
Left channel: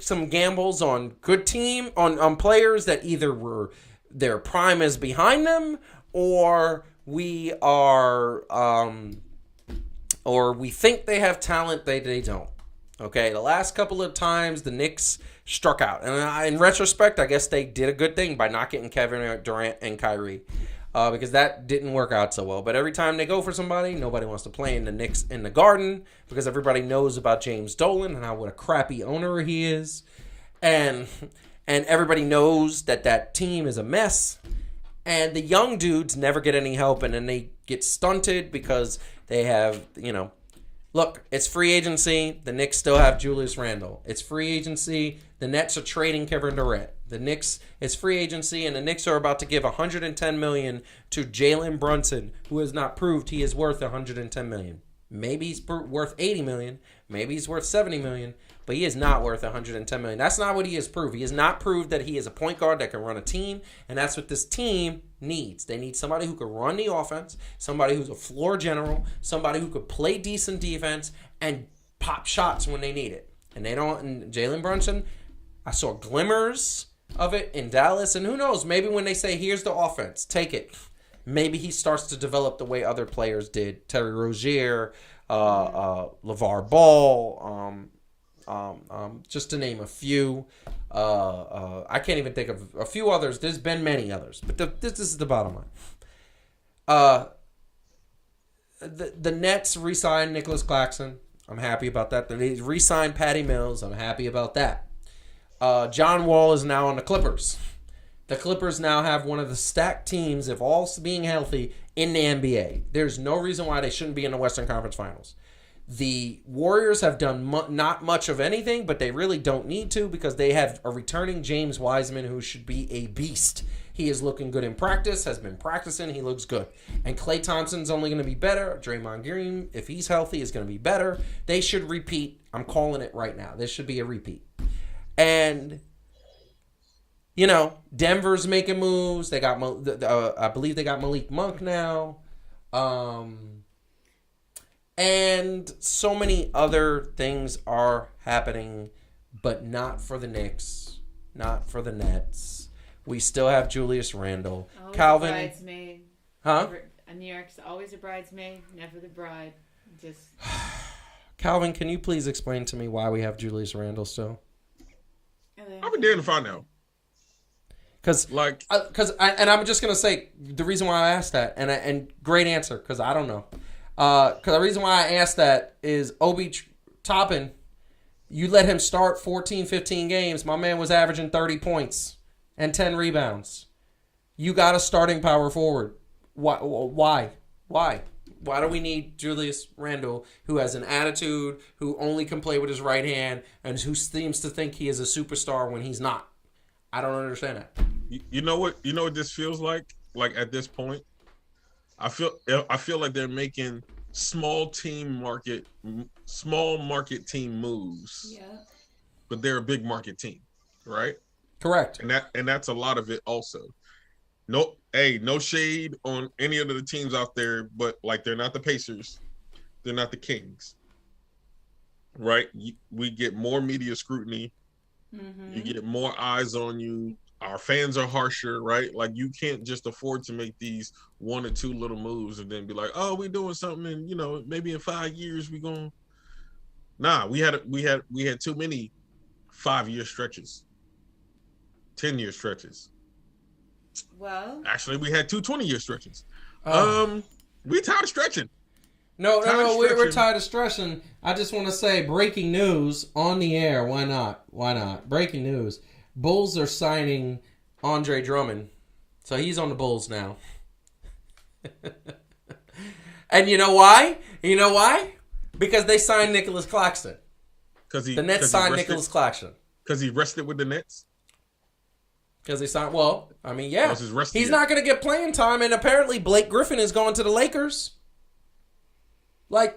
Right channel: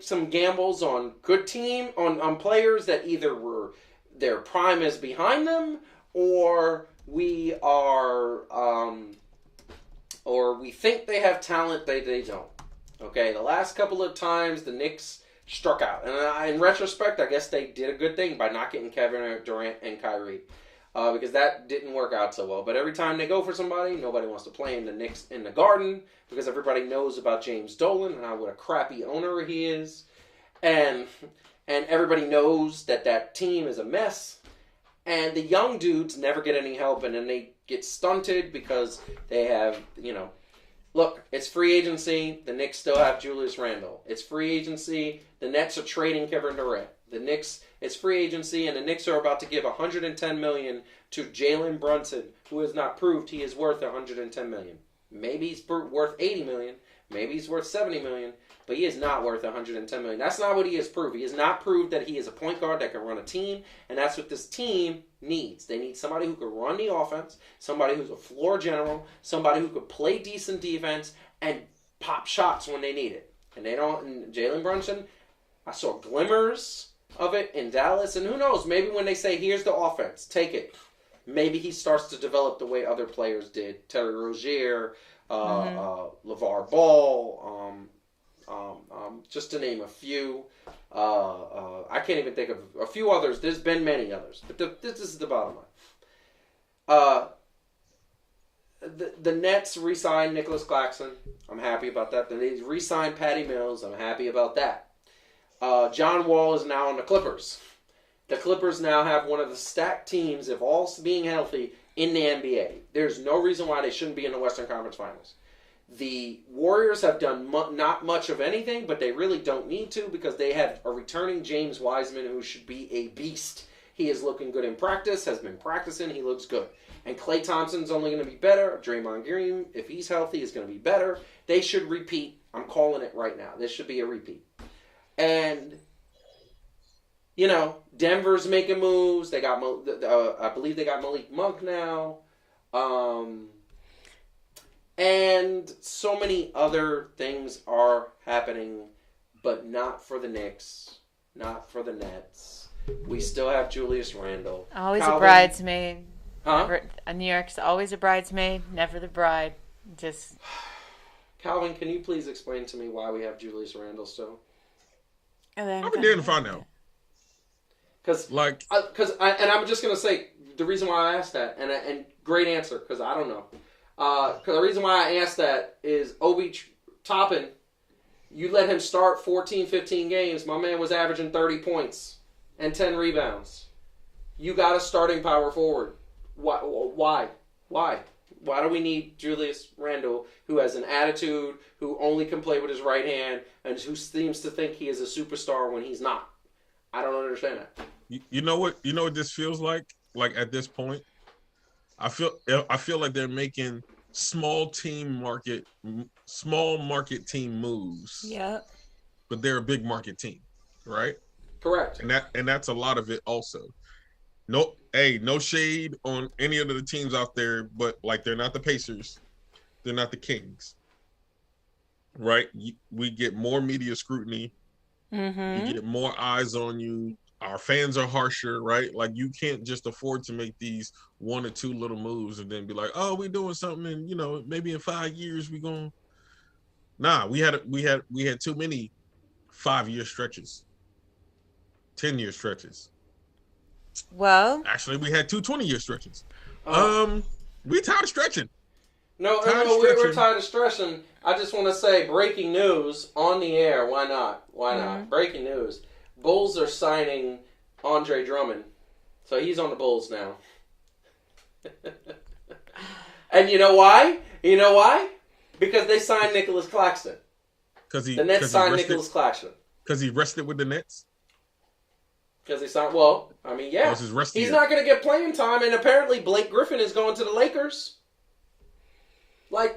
some gambles on good team on players that either their prime is behind them or we think they have talent they don't. Okay, the last couple of times the Knicks struck out, and in retrospect, I guess they did a good thing by not getting Kevin Durant and Kyrie. Because that didn't work out so well. But every time they go for somebody, nobody wants to play in the Knicks in the Garden because everybody knows about James Dolan and what a crappy owner he is. And everybody knows that team is a mess. And the young dudes never get any help, and then they get stunted because they have, look, it's free agency. The Knicks still have Julius Randle. It's free agency. The Nets are trading Kevin Durant. The Knicks, it's free agency, and the Knicks are about to give $110 million to Jalen Brunson, who has not proved he is worth $110 million. Maybe he's worth $80 million. Maybe he's worth $70 million, but he is not worth $110 million. That's not what he has proved. He has not proved that he is a point guard that can run a team, and that's what this team needs. They need somebody who can run the offense, somebody who's a floor general, somebody who could play decent defense and pop shots when they need it. And they don't. And Jalen Brunson, I saw glimmers of it in Dallas, and who knows, maybe when they say here's the offense, take it, maybe he starts to develop the way other players did. Terry Rozier, LeVar Ball, just to name a few. I can't even think of a few others. There's been many others, but this is the bottom line. The Nets re-signed Nicholas Claxton. I'm happy about that. They re-signed Patty Mills. I'm happy about that. John Wall is now on the Clippers. The Clippers now have one of the stacked teams, if all being healthy, in the NBA. There's no reason why they shouldn't be in the Western Conference Finals. The Warriors have done not much of anything, but they really don't need to because they have a returning James Wiseman who should be a beast. He is looking good in practice, has been practicing, he looks good. And Klay Thompson's only going to be better. Draymond Green, if he's healthy, is going to be better. They should repeat. I'm calling it right now. This should be a repeat. And, you know, Denver's making moves. They got, I believe they got Malik Monk now. And so many other things are happening, but not for the Knicks, not for the Nets. We still have Julius Randle. Always a bridesmaid. Huh? Never, New York's always a bridesmaid, never the bride. Just. Calvin, can you please explain to me why we have Julius Randle still? I've been there to find out. Because I'm just gonna say the reason why I asked that, and great answer, because I don't know. Because the reason why I asked that is Obi Toppin, you let him start 14, 15 games. My man was averaging 30 points and 10 rebounds. You got a starting power forward. Why? Why do we need Julius Randle, who has an attitude, who only can play with his right hand, and who seems to think he is a superstar when he's not? I don't understand that. You know what this feels like? Like at this point, I feel like they're making small market team moves. Yeah. But they're a big market team, right? Correct. And that's a lot of it also. No shade on any of the teams out there, but like they're not the Pacers, they're not the Kings, right? We get more media scrutiny. Mm-hmm. You get more eyes on you. Our fans are harsher, right? Like you can't just afford to make these one or two little moves and then be like, "Oh, we're doing something," and you know, maybe in 5 years we going. Nah, we had too many 5-year stretches, 10-year stretches. Well, actually, we had 2 20-year stretches. We tired of stretching. No, we're tired of stretching. I just want to say, breaking news on the air. Why not? Mm-hmm. Breaking news. Bulls are signing Andre Drummond. So he's on the Bulls now. And you know why? Because they signed Nicholas Claxton. The Nets signed Nicholas Claxton. Because he rested with the Nets? Because he signed, yeah. He's not going to get playing time, and apparently Blake Griffin is going to the Lakers. I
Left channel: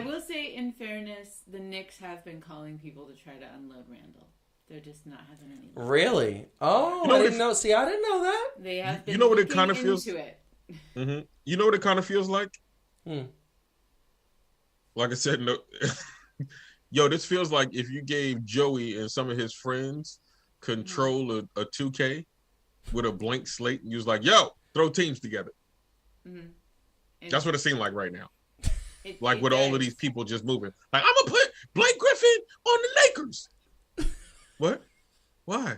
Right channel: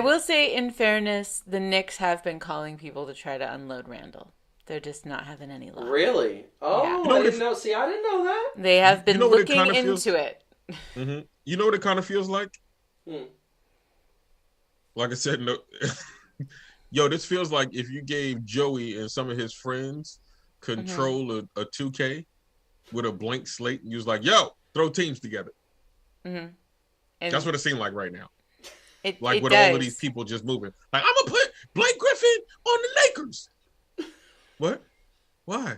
will say, in fairness, the Knicks have been calling people to try to unload Randall. They're just not having any luck. Really? Oh, yeah. I didn't know. See, I didn't know that. They have been looking into it. Mm-hmm. You know what it kind of feels like? Like I said, no. Yo, this feels like if you gave Joey and some of his friends control a 2K with a blank slate, and you was like, "Yo, throw teams together." Mm-hmm. That's what it seemed like right now. With all of these people just moving. Like, I'm gonna put Blake Griffin on the Lakers. What? Why?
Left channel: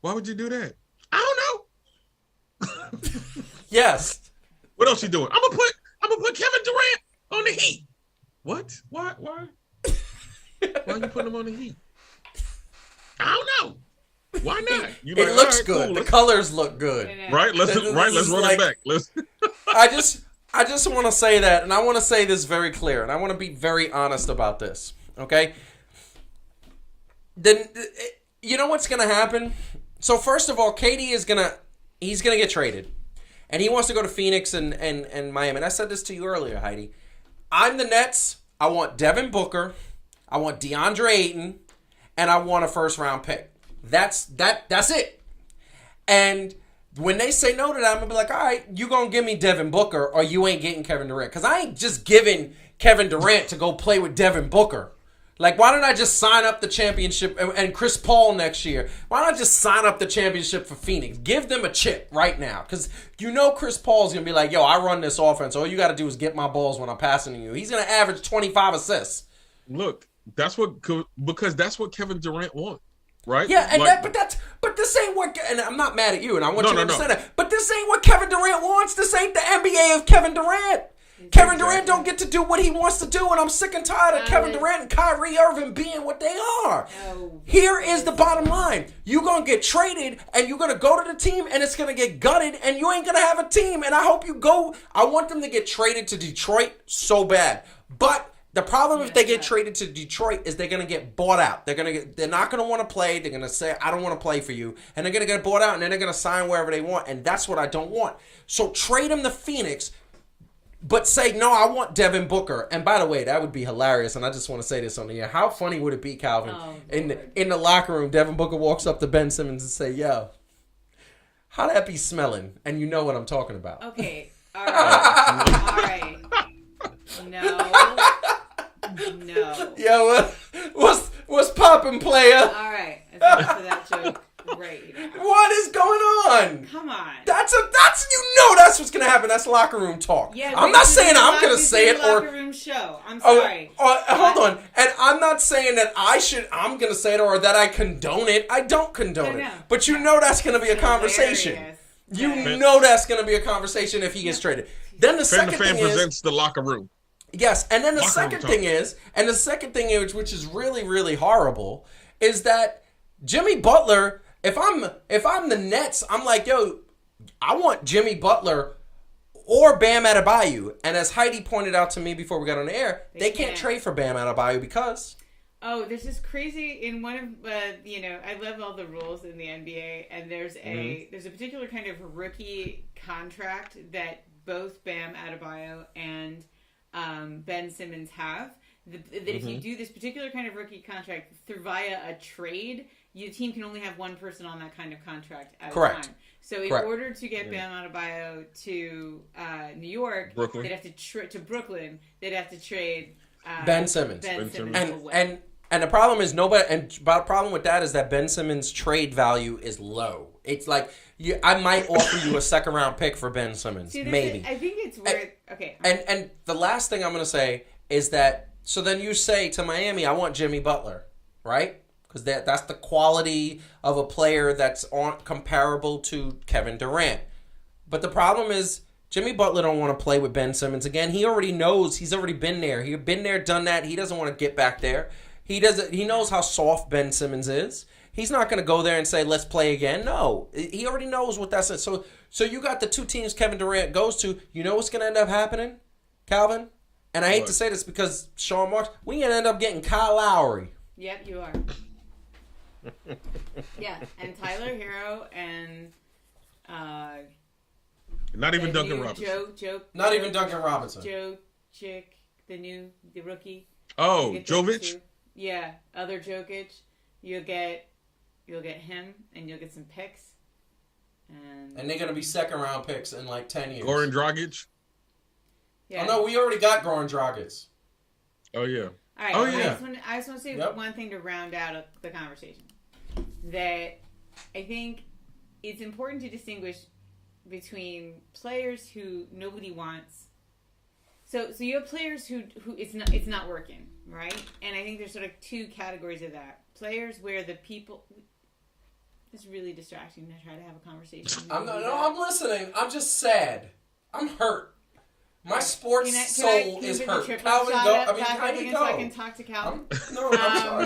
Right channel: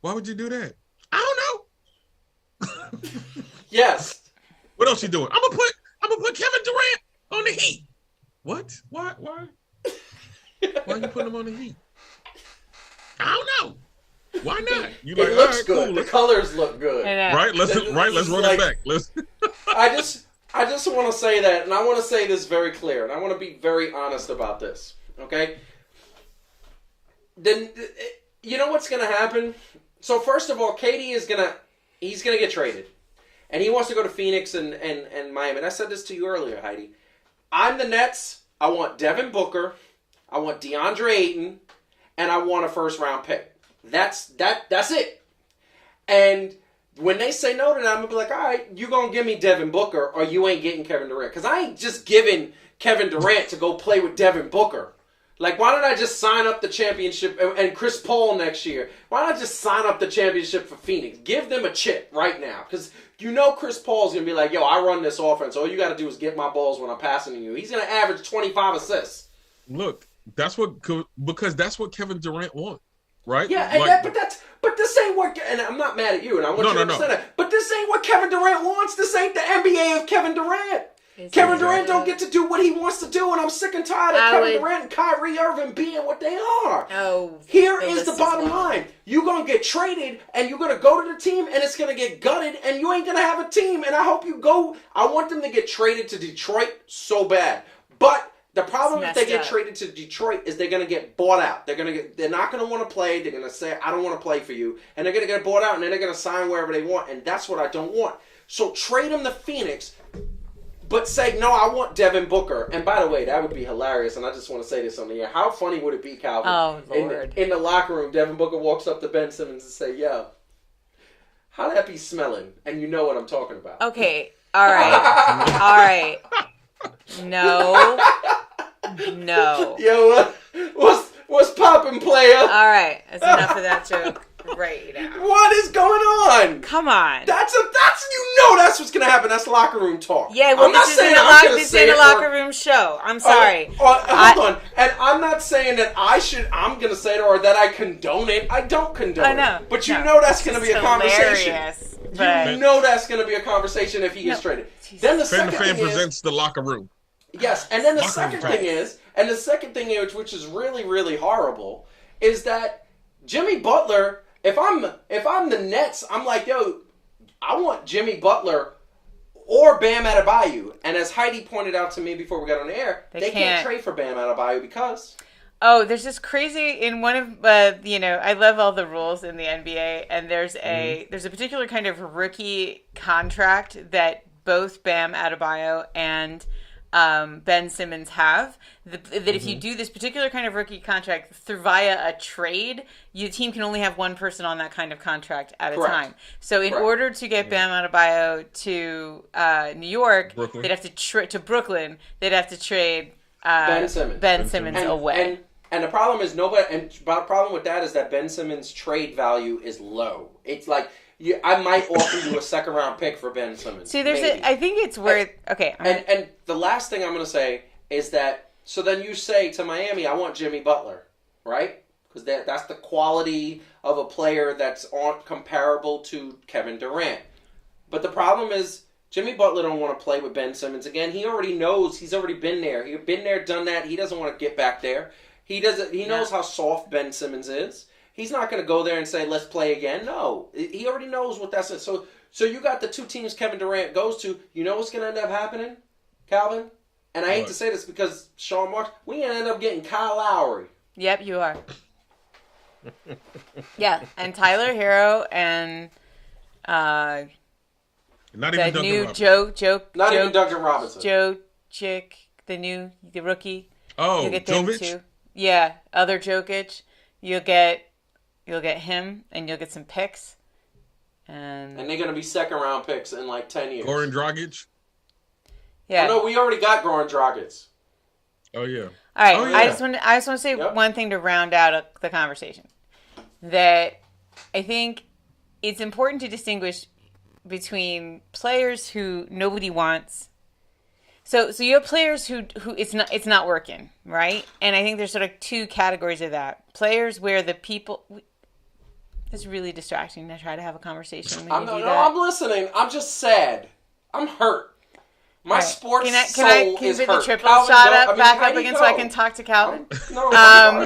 Why would you do that? I don't know. Yes. What else you doing? I'm gonna put Kevin Durant on the Heat. What? Why? Why are you putting him on the Heat? I don't know. Why not? It looks good. Cool. The colors look good. Right? Let's run it back. I just want to say that, and I want to say this very clear, and I want to be very honest about this, okay? Then, you know what's going to happen? So, first of all, KD is going to get traded, and he wants to go to Phoenix and Miami. And I said this to you earlier, Heidi. I'm the Nets. I want Devin Booker. I want DeAndre Ayton, and I want a first-round pick. That's it. And when they say no to that, I'm going to be like, all right, you going to give me Devin Booker or you ain't getting Kevin Durant. Because I ain't just giving Kevin Durant to go play with Devin Booker. Like, why don't I just sign up the championship and Chris Paul next year? Why don't I just sign up the championship for Phoenix? Give them a chip right now. Because you know Chris Paul's going to be like, yo, I run this offense. All you got to do is get my balls when I'm passing to you. He's going to average 25 assists. Look, because that's what Kevin Durant wants. Right? Yeah, and but this ain't what, and I'm not mad at you, and I want you to understand that. But this ain't what Kevin Durant wants. This ain't the NBA of Kevin Durant. Kevin Durant don't get to do what he wants to do, and I'm sick and tired of Kevin Durant and Kyrie Irving being what they are. Here is the bottom line. You're going to get traded, and you're going to go to the team, and it's going to get gutted, and you ain't going to have a team, and I hope you go. I want them to get traded to Detroit so bad. But the problem if they get traded to Detroit is they're going to get bought out. They're not going to want to play. They're going to say, I don't want to play for you. And they're going to get bought out, and then they're going to sign wherever they want, and that's what I don't want. So trade them to Phoenix. But say, no, I want Devin Booker. And by the way, that would be hilarious. And I just want to say this on the air. How funny would it be, Calvin? In the locker room, Devin Booker walks up to Ben Simmons and say, yo, how'd that be smelling? And you know what I'm talking about. Okay. All right. No. Yo, what's poppin', player? All right. That's enough of that joke. Right now. What is going on? Come on. That's what's gonna happen. That's locker room talk. Yeah, I'm not saying I'm gonna say it. Locker room show. I'm sorry. Hold on. And I'm not saying that I'm gonna say it or that I condone it. I don't condone it. But you know that's gonna be a conversation. You know that's gonna be a conversation if he gets traded. Then the Fan2Fan presents the locker room. Yes, and then the second thing is, which is really, really horrible, is that Jimmy Butler. If I'm the Nets, I'm like, yo, I want Jimmy Butler or Bam Adebayo. And as Heidi pointed out to me before we got on the air, they can't trade for Bam Adebayo because... Oh, there's this crazy in one of I love all the rules in the NBA, and there's a particular kind of rookie contract that both Bam Adebayo and Ben Simmons have. That if you do this particular kind of rookie contract via a trade, your team can only have one person on that kind of contract at a time. So in order to get Bam Adebayo to New York, they'd have to to Brooklyn. They'd have to trade Ben Simmons away. And the problem is the problem with that is that Ben Simmons' trade value is low. It's like I might offer you a second round pick for Ben Simmons. See, I think it's worth And the last thing I'm going to say is that so then you say to Miami, I want Jimmy Butler, right? Because that's the quality of a player that's comparable to Kevin Durant. But the problem is Jimmy Butler don't want to play with Ben Simmons again. He already knows. He's already been there. He's been there, done that. He doesn't want to get back there. He knows how soft Ben Simmons is. He's not going to go there and say, let's play again. No. He already knows what that's. So you got the two teams Kevin Durant goes to. You know what's going to end up happening, Calvin? And I hate to say this because Sean Marks, we're going to end up getting Kyle Lowry. Yep, you are. Yeah, and Tyler Hero and not even Duncan Robinson. Even Duncan Robinson. Joe Chick, the rookie. Oh, Jovic? Yeah, other Jokic. You'll get him, and you'll get some picks. And they're going to be second round picks in like 10 years. Goran Dragic? Yeah. No, we already got Goran Dragic. Oh, yeah. All right. Oh, yeah. I just want to say one thing to round out the conversation. That I think it's important to distinguish between players who nobody wants. So you have players who it's not working, right? And I think there's sort of two categories of that. Players where the people... It's really distracting to try to have a conversation. I'm listening. I'm just sad. I'm hurt. My sports soul is hurt. Can the triple shot up back up again so I can talk to Calvin? No,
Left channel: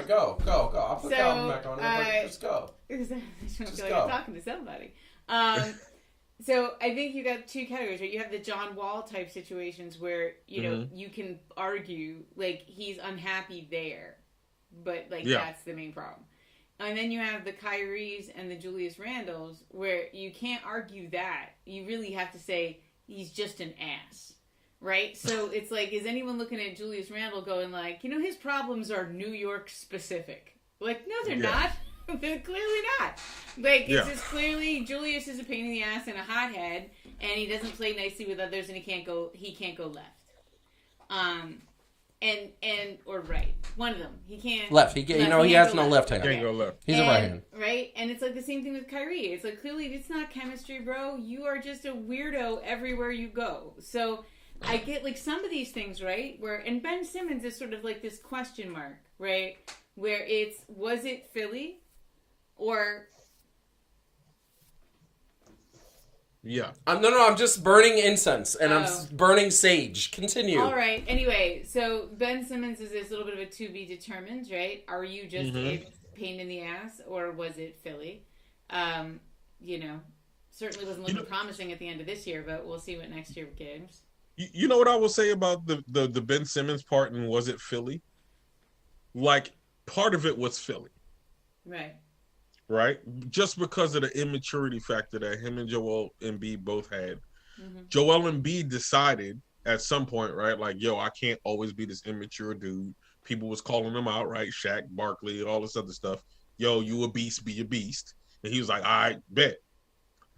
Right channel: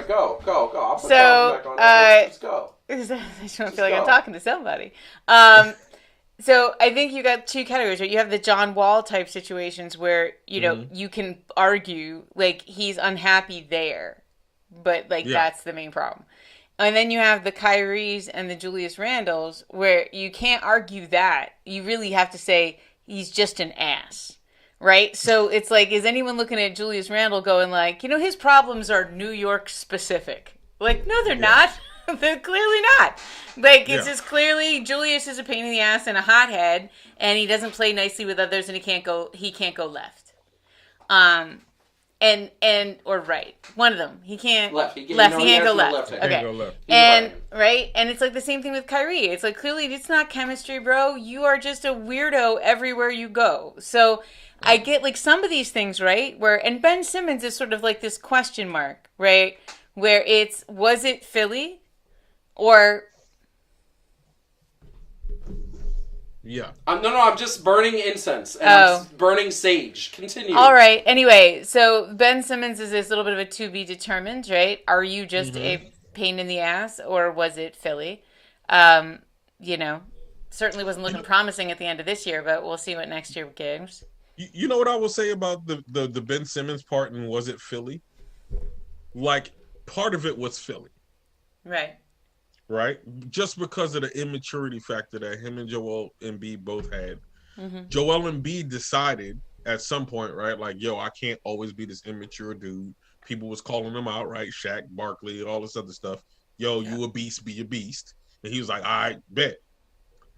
go. I'll put Calvin back on. Let's go. I just don't feel like I'm talking to somebody. So I think you got two categories, right? You have the John Wall type situations where, you can argue, like, he's unhappy there, but, that's the main problem. And then you have the Kyries and the Julius Randles where you can't argue that. You really have to say he's just an ass, right? So it's like, is anyone looking at Julius Randle going like, his problems are New York specific? Like, no, they're not. They're clearly not. Like, it's just clearly Julius is a pain in the ass and a hothead, and he doesn't play nicely with others, and he can't go left. Or right. One of them. He can't left. He can't go left. He can't go left. And right, and it's like the same thing with Kyrie. It's like, clearly it's not chemistry, bro. You are just a weirdo everywhere you go. So I get like some of these things, right? And Ben Simmons is sort of like this question mark, right? Where was it Philly? Or Yeah. No, I'm just burning incense and I'm burning sage. Continue. All right. Anyway, so Ben Simmons is this little bit of a to be determined, right? Are you just a pain in the ass, or was it Philly? You know, certainly wasn't looking promising at the end of this year, but we'll see what next year gives. You know what I will say about the Ben Simmons part, and was it Philly? Like, part of it was Philly. Right. Right? Just because of the immaturity factor that him and Joel Embiid both had. Mm-hmm. Joel Embiid decided at some point, right? Like, yo, I can't always be this immature dude. People was calling him out, right? Shaq, Barkley, all this other stuff. Yo, you a beast, be a beast. And he was like, I bet.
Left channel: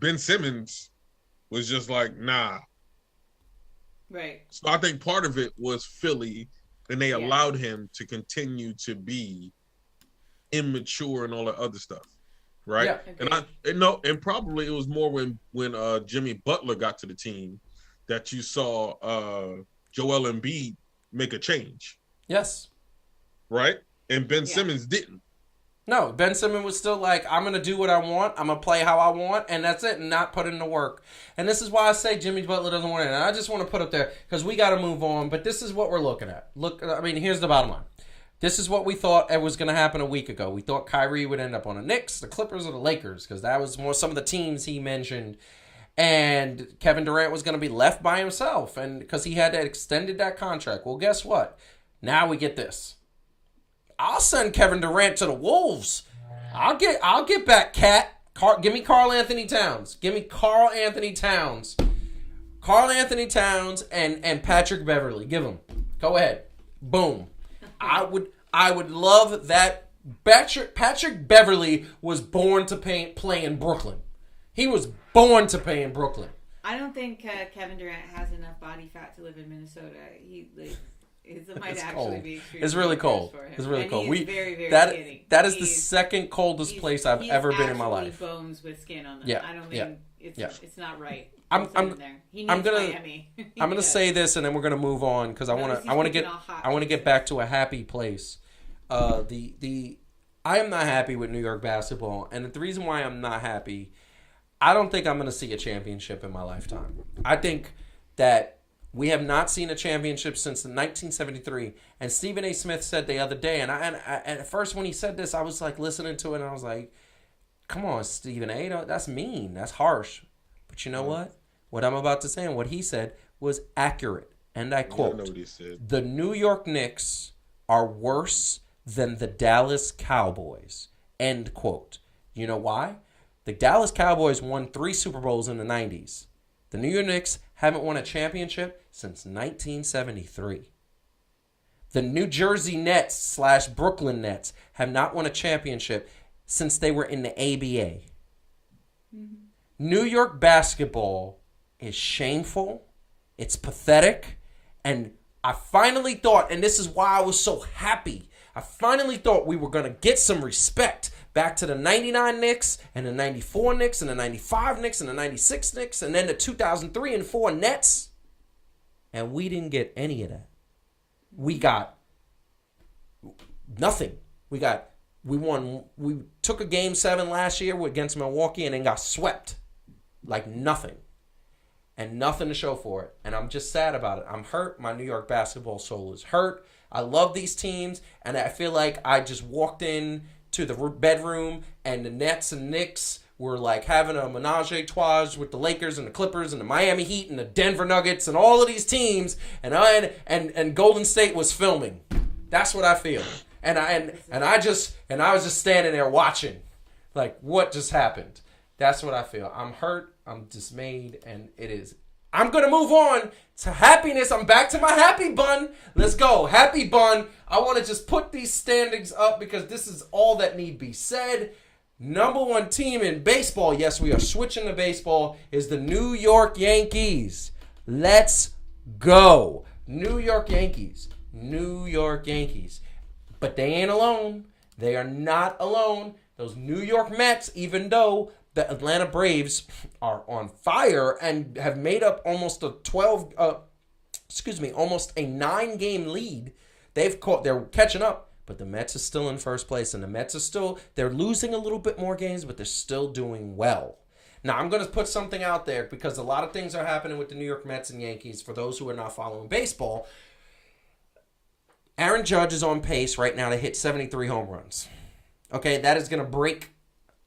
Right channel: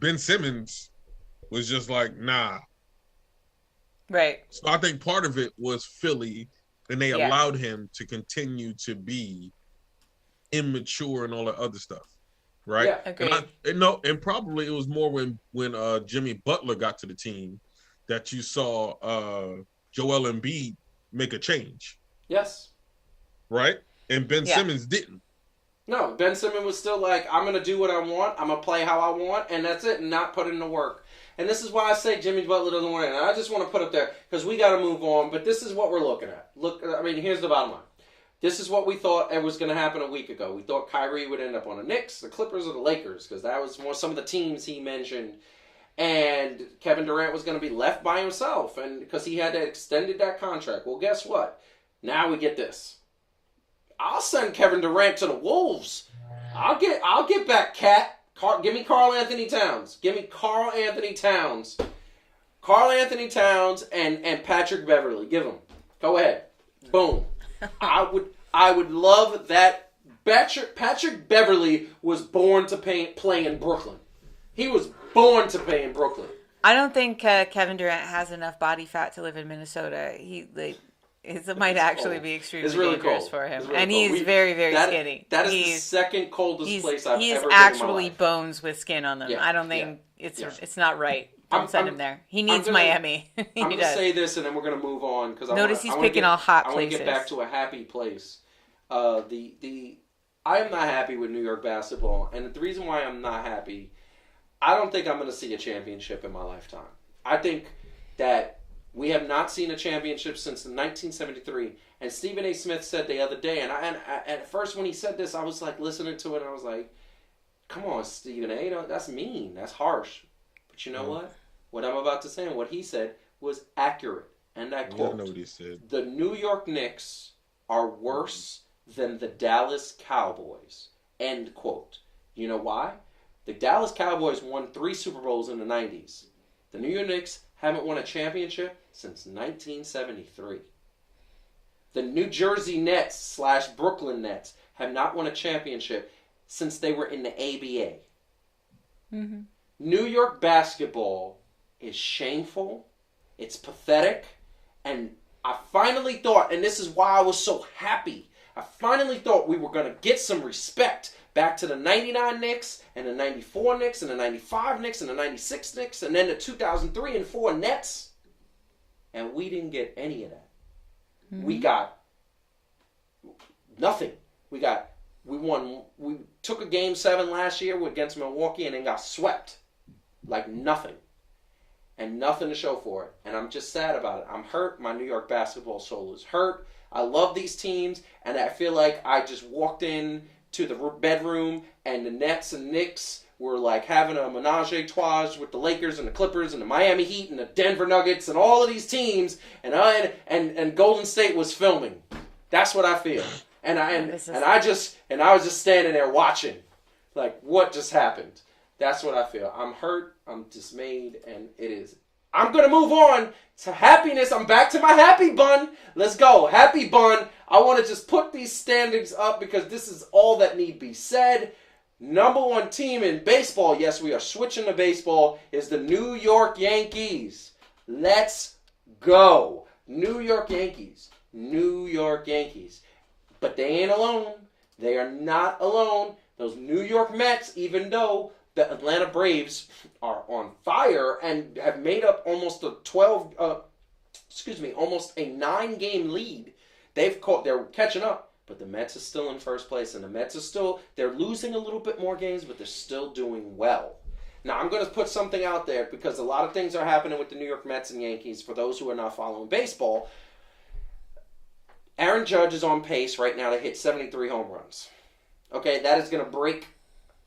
Ben Simmons was just like, nah. Right. So I think part of it was Philly, and they allowed him to continue to be immature and all that other stuff. Right. Yeah, and probably it was more when Jimmy Butler got to the team that you saw Joel Embiid make a change. Yes. Right? And Ben Simmons didn't. No, Ben Simmons was still like, I'm going to do what I want. I'm going to play how I want. And that's it. And not put in the work. And this is why I say Jimmy Butler doesn't want it. And I just want to put up there because we got to move on. But this is what we're looking at. Look, I mean, here's the bottom line. This is what we thought it was going to happen a week ago. We thought Kyrie would end up on the Knicks, the Clippers, or the Lakers because that was more some of the teams he mentioned. And Kevin Durant was going to be left by himself and because he had extended that contract. Well, guess what? Now we get this. I'll send Kevin Durant to the Wolves. I'll get back Cat. Give me Karl Anthony Towns. Give me Karl Anthony Towns. Karl Anthony Towns and Patrick Beverly. Give them. Go ahead. Boom. I would love that. Patrick Beverly was born to play in Brooklyn. He was born to play in Brooklyn. I don't think Kevin Durant has enough body fat to live in Minnesota. It might actually be extremely really dangerous cold for him. It's really and cold. He's very, very skinny. That is the second coldest place I've ever been in my life. He's actually bones with skin on them. Yeah. I don't think it's not right. Don't send him there. He needs Miami. I'm going to say this and then we're going to move on because I want to get back to a happy place. I am not happy with New York basketball, and the reason why I'm not happy, I don't think I'm going to see a championship in my lifetime. I think that we have not seen a championship since 1973. And Stephen A. Smith said the other day, and at first when he said this, I was like listening to it, and I was like, come on, Stephen A., that's mean. That's harsh. But you know what? What I'm about to say and what he said was accurate. And I quote, know what he said. The New York Knicks are worse than the Dallas Cowboys. End quote. You know why? The Dallas Cowboys won 3 Super Bowls in the 90s. The New York Knicks haven't won a championship since 1973. The New Jersey Nets / Brooklyn Nets have not won a championship since they were in the ABA. Mm-hmm. New York basketball is shameful. It's pathetic. And I finally thought, and this is why I was so happy, I finally thought we were going to get some respect back to the 99 Knicks and the 94 Knicks and the 95 Knicks and the 96 Knicks and then the 2003 and 4 Nets. And we didn't get any of that. Mm-hmm. We got nothing. We took a game 7 last year against Milwaukee and then got swept. Like nothing. And nothing to show for it. And I'm just sad about it. I'm hurt. My New York basketball soul is hurt. I love these teams. And I feel like I just walked in to the bedroom and the Nets and Knicks were like having a menage a trois with the Lakers and the Clippers and the Miami Heat and the Denver Nuggets and all of these teams. And Golden State was filming. That's what I feel. And I was just standing there watching. Like, what just happened? That's what I feel. I'm hurt. I'm dismayed. And it is. I'm going to move on to happiness. I'm back to my happy bun. Let's go. Happy bun. I want to just put these standings up because this is all that need be said. Number 1 team in baseball, yes, we are switching to baseball, is the New York Yankees. Let's go. New York Yankees. New York Yankees. But they ain't alone. They are not alone. Those New York Mets, even though the Atlanta Braves are on fire and have made up almost a 9-game lead. They're catching up, but the Mets are still in first place, and the Mets are they're losing a little bit more games, but they're still doing well. Now, I'm going to put something out there because a lot of things are happening with the New York Mets and Yankees for those who are not following baseball. Aaron Judge is on pace right now to hit 73 home runs. Okay, that is going to break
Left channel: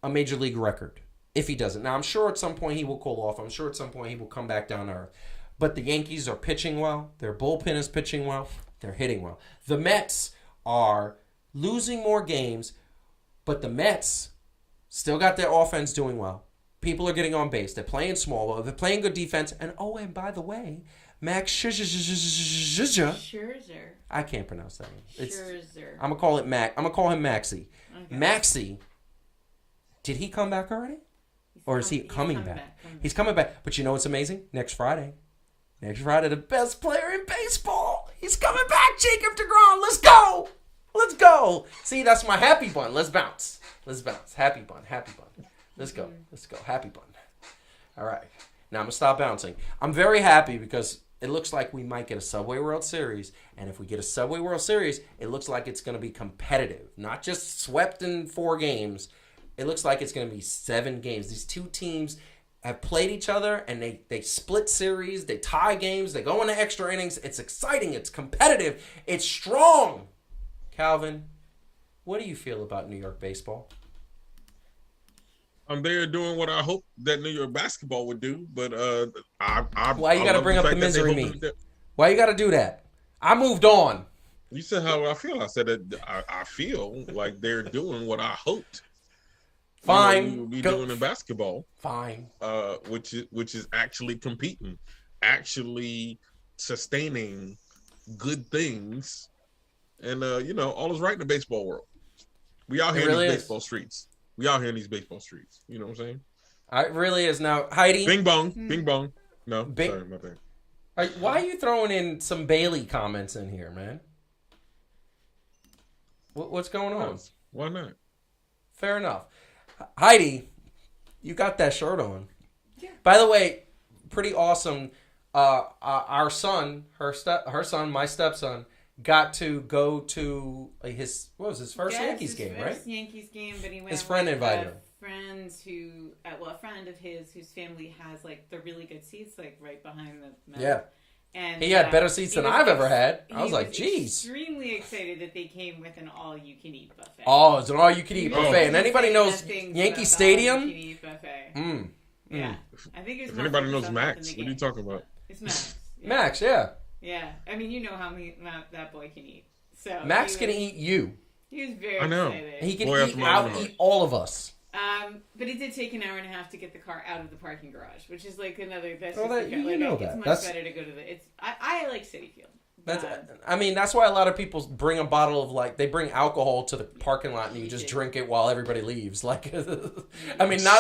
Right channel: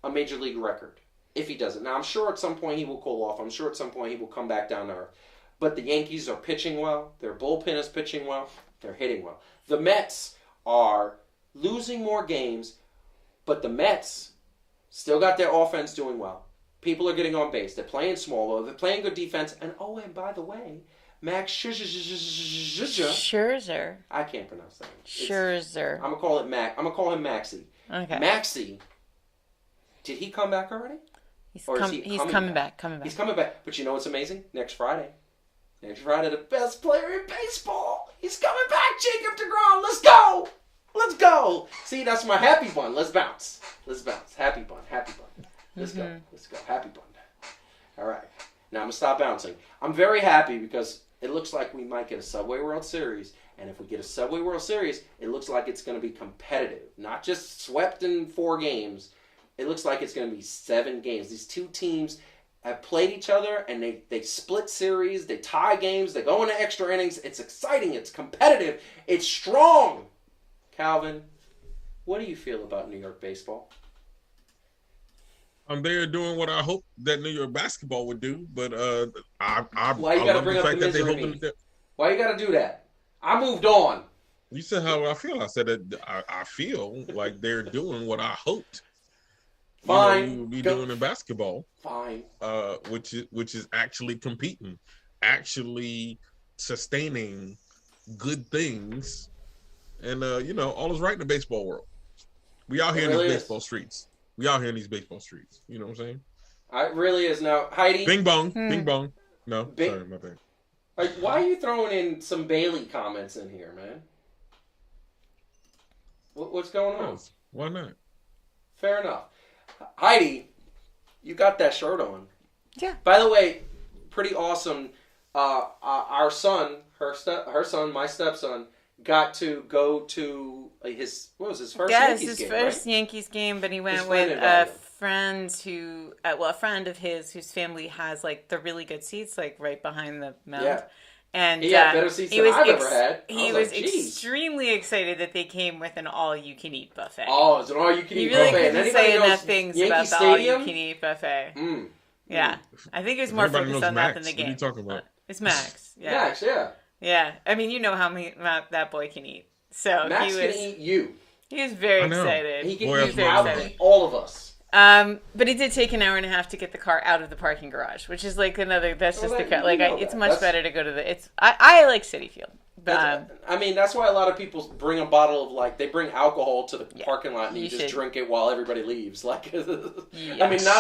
a major league record if he does it. Now, I'm sure at some point he will cool off. I'm sure at some point he will come back down to earth. But the Yankees are pitching well. Their bullpen is pitching well. They're hitting well. The Mets are losing more games, but the Mets still got their offense doing well. People are getting on base. They're playing small. They're playing good defense. And by the way, Max Scherzer. I can't pronounce that one. Scherzer. I'm gonna call it Mac. I'm gonna call him Maxie. Okay. Maxie. Did he come back already? He's coming back. He's coming back. But you know what's amazing? Next Friday, the best player in baseball. He's coming back, Jacob deGrom. Let's go. Let's go. See, that's my happy bun. Let's bounce. Happy bun. Let's go. Happy bun. All right. Now I'm going to stop bouncing. I'm very happy because it looks like we might get a Subway World Series. And if we get a Subway World Series, it looks like it's going to be competitive. Not just swept in 4 games. It looks like it's going to be 7 games. These two teams have played each other, and they split series. They tie games. They go into extra innings. It's exciting. It's competitive. It's strong. Calvin, what do you feel about New York baseball? They're doing what I hope that New York basketball would do, but Why you got to bring up the misery me? Why you got to do that? I moved on. You said how I feel. I said that I feel like they're doing what I hoped. Fine. We would be doing in basketball. Fine. Which is actually competing, actually sustaining good things, and all is right in the baseball world. We out here in these baseball streets. You know what I'm saying? It really is. Now, Heidi. Bing bong. Bing bong. No, sorry, my bad. Why are you throwing in some Bailey comments in here, man? What's going on? Why not? Fair enough. Heidi, you got that shirt on. Yeah. By the way, pretty awesome. Our son, her son, my stepson, got to go to his first Yankees game, right? Yankees game, but he went with a friend a friend of his whose family has like the really good seats, like right behind the mound. Yeah. And he had better seats than I've ever had. He was extremely excited that they came with an all-you-can-eat buffet. Oh, it's an all-you-can-eat buffet. And anybody knows Yankee Stadium? All-you-can-eat buffet. Yeah. I think it was if more anybody focused knows on Max, that than the what game. are you talking about? It's Max. Yeah. Max, yeah. Yeah. I mean, you know how that boy can eat. So Max can eat you. He was very excited. He can eat all of us. But it did take an hour and a half to get the car out of the parking garage, which is like it's much better to go to the. I like Citi Field. That's why a lot of people bring a bottle of they bring alcohol to the parking lot and you just drink it while everybody leaves. Not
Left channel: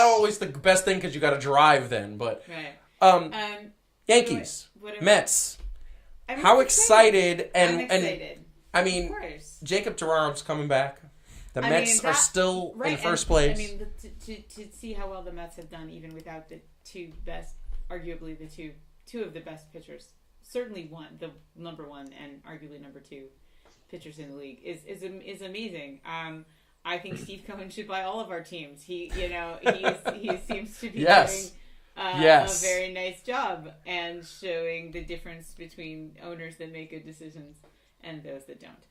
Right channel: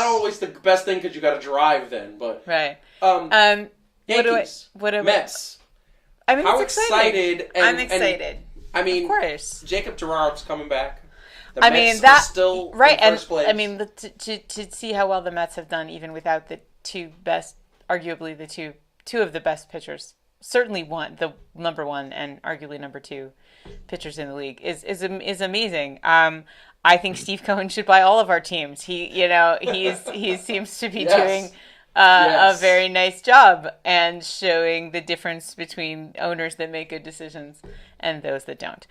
always the best thing because you got to drive then, but right. Yankees, Mets. How excited? I'm excited. Of course, Jacob DeGrom's coming back. The Mets are still in first place. To see how well the Mets have done, even without the arguably the two of the best pitchers, certainly the number 1 and arguably number 2 pitchers in the league is amazing. I think Steve Cohen should buy all of our teams. He seems to be doing a very nice job and showing the difference between owners that make good decisions and those that don't.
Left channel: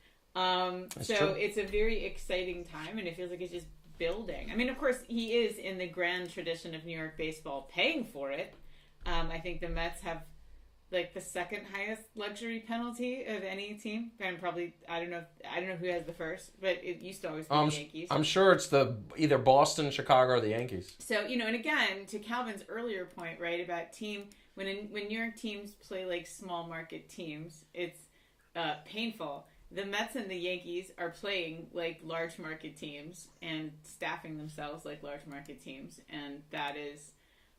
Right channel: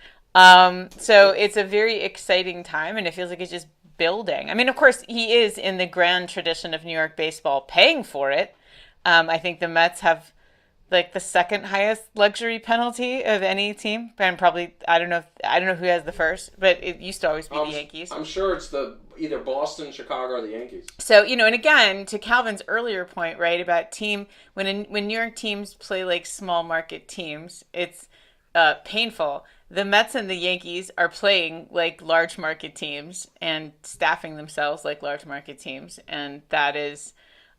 So it's a very exciting time, and it feels like it's just building. Of course, he is in the grand tradition of New York baseball paying for it. I think the Mets have like the second highest luxury penalty of any team, and probably I don't know who has the first, but it used to always be the Yankees. I'm sure it's either Boston, Chicago, or the Yankees. So and again to Calvin's earlier point, right, about when New York teams play like small market teams, it's painful. The Mets and the Yankees are playing like large market teams and staffing themselves like large market teams. And that is,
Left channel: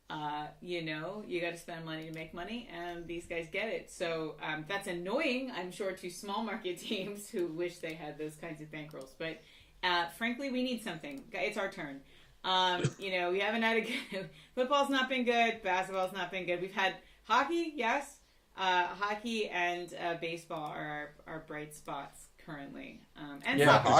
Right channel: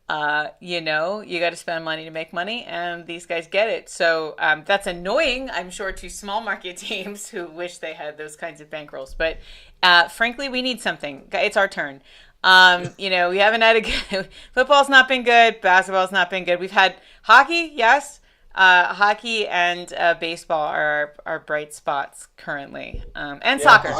you got to spend money to make money, and these guys get it. So that's annoying, I'm sure, to small market teams who wish they had those kinds of bankrolls. But frankly, we need something. It's our turn. We haven't had a good – football's not been good. Basketball's not been good. We've had hockey, yes. Hockey and baseball are our bright spots currently, and soccer.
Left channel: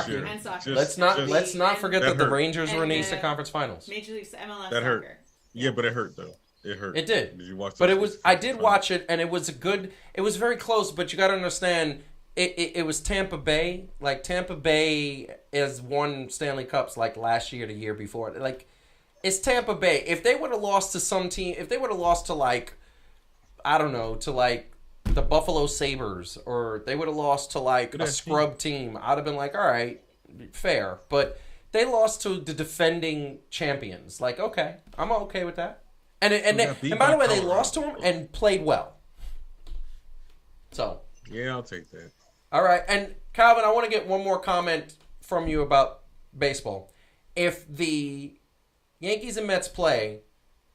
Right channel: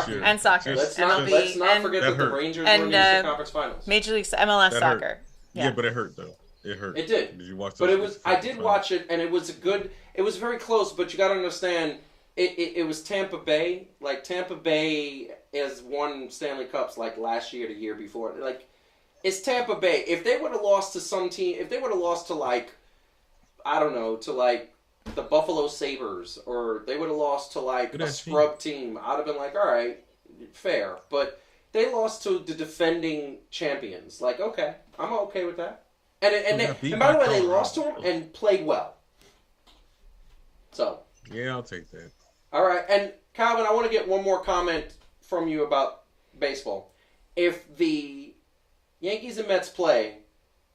Let's not forget that the Rangers were in the Eastern Conference Finals. Major League MLS soccer. Yeah, but it hurt though. It hurt. It did. Did you watch? But it was. I did watch it, and it was a good. It was very close, but you got to understand. It was Tampa Bay. Like Tampa Bay has won Stanley Cups like last year, the year before. Like it's Tampa Bay. If they would have lost to some team, if they would have lost to like, I don't know, to like the Buffalo Sabres, or they would have lost to like a scrub team, I'd have been like, all right, fair. But they lost to the defending champions. Like, okay, I'm okay with that. And by the way, they lost to them and played well. So yeah, I'll take that. All right, and Calvin, I want to get one more comment from you about baseball. If the Yankees and Mets play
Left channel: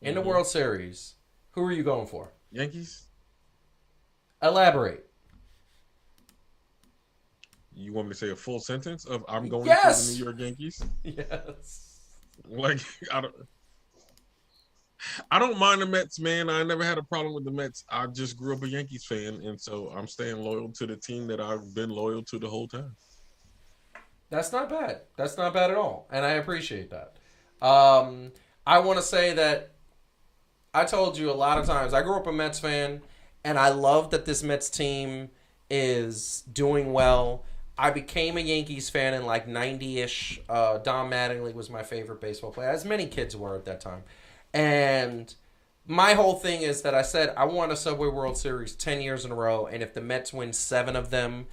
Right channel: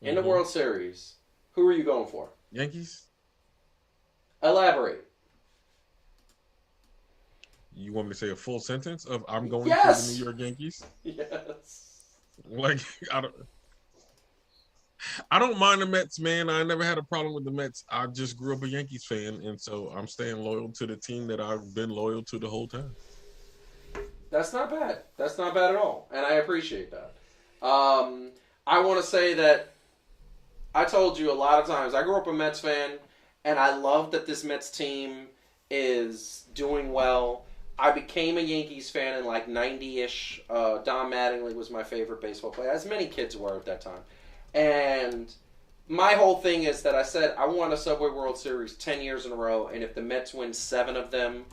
in the World Series, who are you going for? Yankees. Elaborate. You want me to say a full sentence of I'm going for the New York Yankees? Yes. Like I don't mind the Mets, man. I never had a problem with the Mets. I just grew up a Yankees fan, and so I'm staying loyal to the team that I've been loyal to the whole time. That's not bad. That's not bad at all, and I appreciate that. I want to say that I told you a lot of times, I grew up a Mets fan, and I love that this Mets team is doing well. I became a Yankees fan in like 90-ish. Don Mattingly was my favorite baseball player, as many kids were at that time. And my whole thing is that I said I want a Subway World Series 10 years in a row, and if the Mets win 7 of them,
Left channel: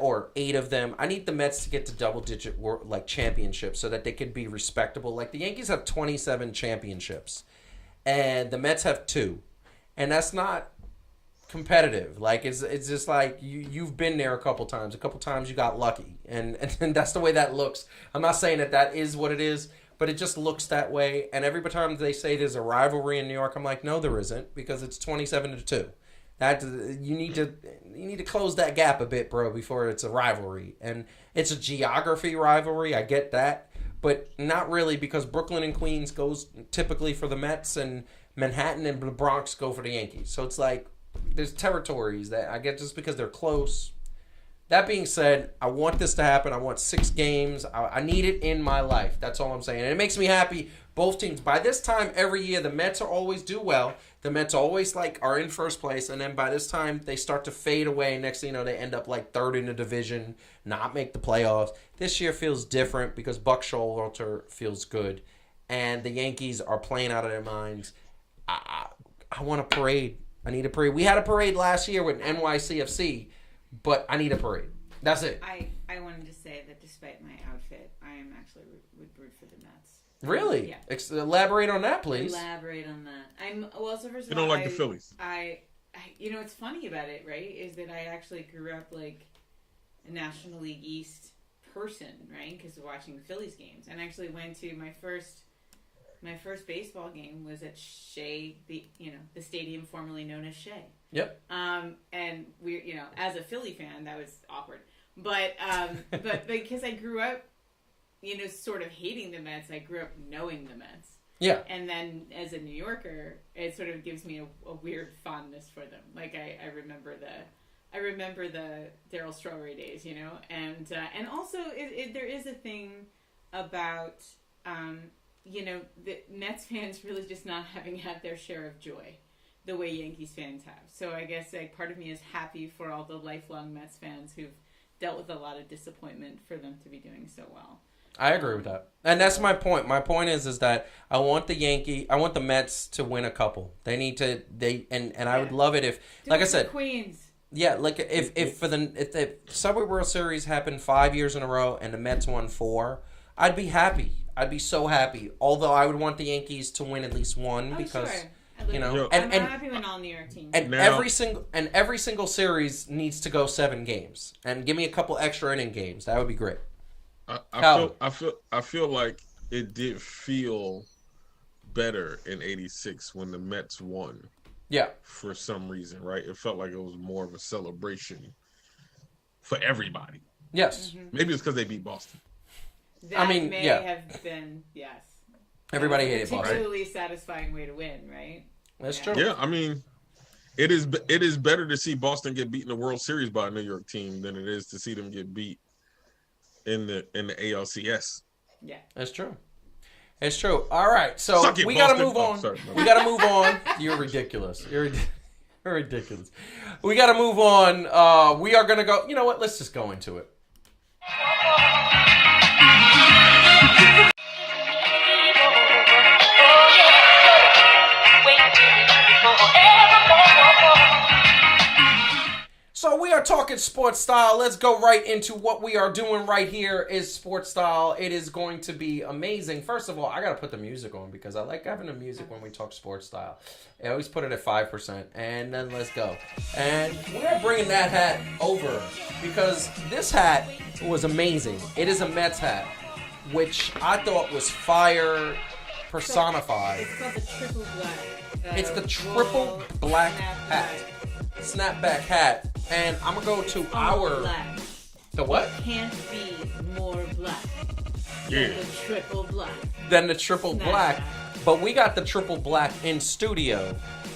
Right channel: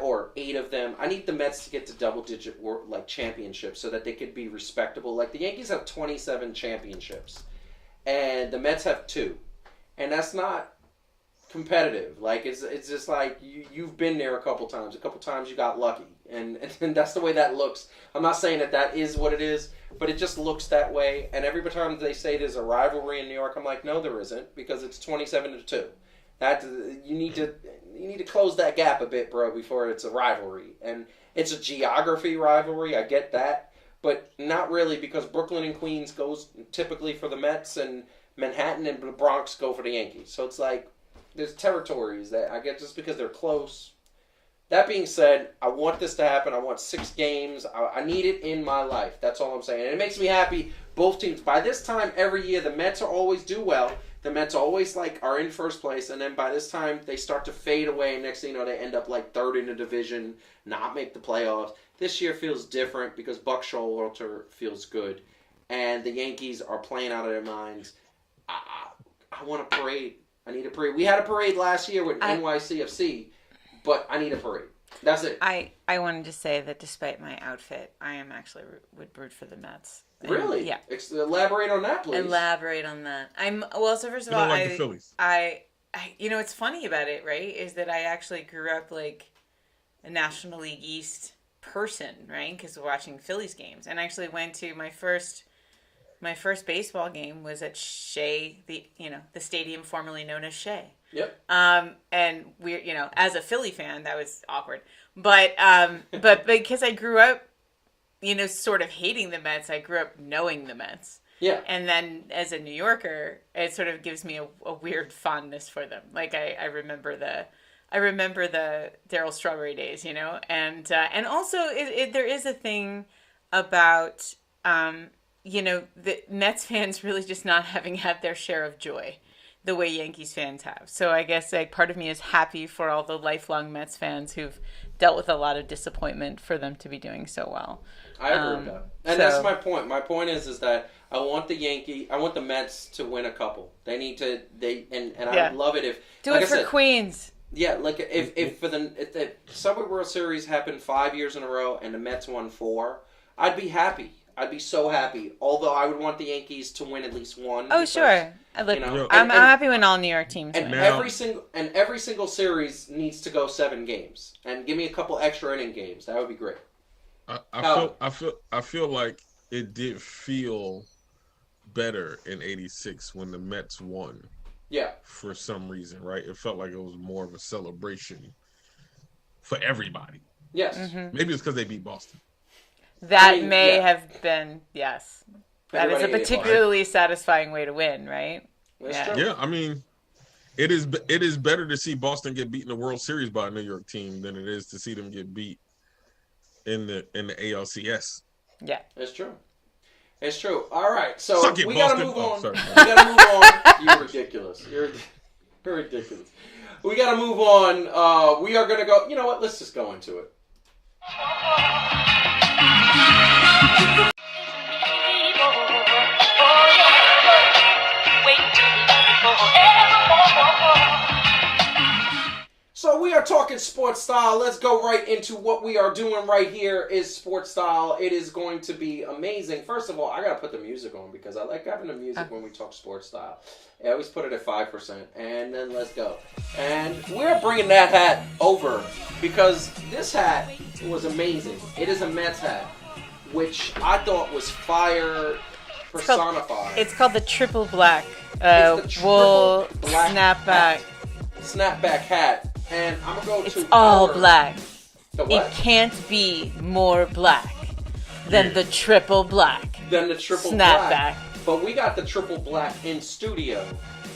or 8 of them, I need the Mets to get to double-digit like championships so that they could be respectable. Like the Yankees have 27 championships, and the Mets have 2, and that's not competitive. Like it's just like you've been there a couple times. A couple times you got lucky, and that's the way that looks. I'm not saying that is what it is. But it just looks that way, and every time they say there's a rivalry in New York, I'm like, no, there isn't, because it's 27-2. You need to close that gap a bit, bro, before it's a rivalry. And it's a geography rivalry, I get that, but not really, because Brooklyn and Queens goes typically for the Mets, and Manhattan and the Bronx go for the Yankees. So it's like there's territories that I get just because they're close. That being said, I want this to happen. I want 6 games. I need it in my life. That's all I'm saying. And it makes me happy. Both teams. By this time every year, the Mets always do well. The Mets always are in first place. And then by this time, they start to fade away. Next thing you know, they end up like 3rd in the division, not make the playoffs. This year feels different because Buck Showalter feels good. And the Yankees are playing out of their minds. I want a parade. I need a parade. We had a parade last year with NYCFC. But I need a parade. That's it. I wanted to say that despite my outfit, I am actually would root for the Mets. Really? Yeah. Elaborate on that, please. Elaborate on that. So first of all, all, you don't like the Phillies. I what's funny about it, right, is that I actually grew up like a National League East person, right? Because watching Phillies games, and actually went to my first baseball game was at Shea, the stadium formerly known as Shea. Yep. And we're, as a Philly fan, that was awkward. But because I grew up, sort of hating the Mets, I grew up knowing the Mets. Yeah. And then as a New Yorker, it sort of gives me a weird fondness for them. Like I remember the Darryl Strawberry days, and also there is a thing about, the Mets fans really just not having had their share of joy the way Yankees fans have. So I guess part of me is happy for all the lifelong Mets fans who've dealt with a lot of disappointment for them to be doing so well. I agree with that. And that's my point. My point is that I want the Mets to win a couple. They need to, I would love it if, like I said, Queens. Yeah, like if the Subway World Series happened 5 years in a row and the Mets won 4, I'd be happy. I'd be so happy. Although I would want the Yankees to win at least one. Oh, sure. I'm happy when all New York teams win. Every single series needs to go 7 games. And give me a couple extra inning games. That would be great. I feel like it did feel better in '86 when the Mets won. Yeah. For some reason, right? It felt like it was more of a celebration for everybody. Yes. Mm-hmm. Maybe it's because they beat Boston. That may have been, yes. Everybody that is a particularly satisfying way to win, right? That's true. Yeah, I mean, it is better to see Boston get beat in the World Series by a New York team than it is to see them get beat in the ALCS. Yeah, that's true. It's true. All right, so Suck it, we gotta Boston. move on. Sorry. We gotta move on. You're ridiculous. You're ridiculous. We gotta move on. We are gonna go. You know what? Let's just go into it. So we are talking sports style. Let's go right into what we are doing right here is sports style. It is going to be amazing. First of all, I got to put the music on because I like having the music when we talk sports style. I always put it at 5%, and then let's go. And we're bringing that hat over because this hat was amazing. It is a Mets hat, which I thought was fire personified. It's called the triple black. It's the triple wool black snapback hat. And I'm going to go to all our... black. The what? It can't be more black than the triple black. Than the triple Snapback. black. But we got the triple black in studio.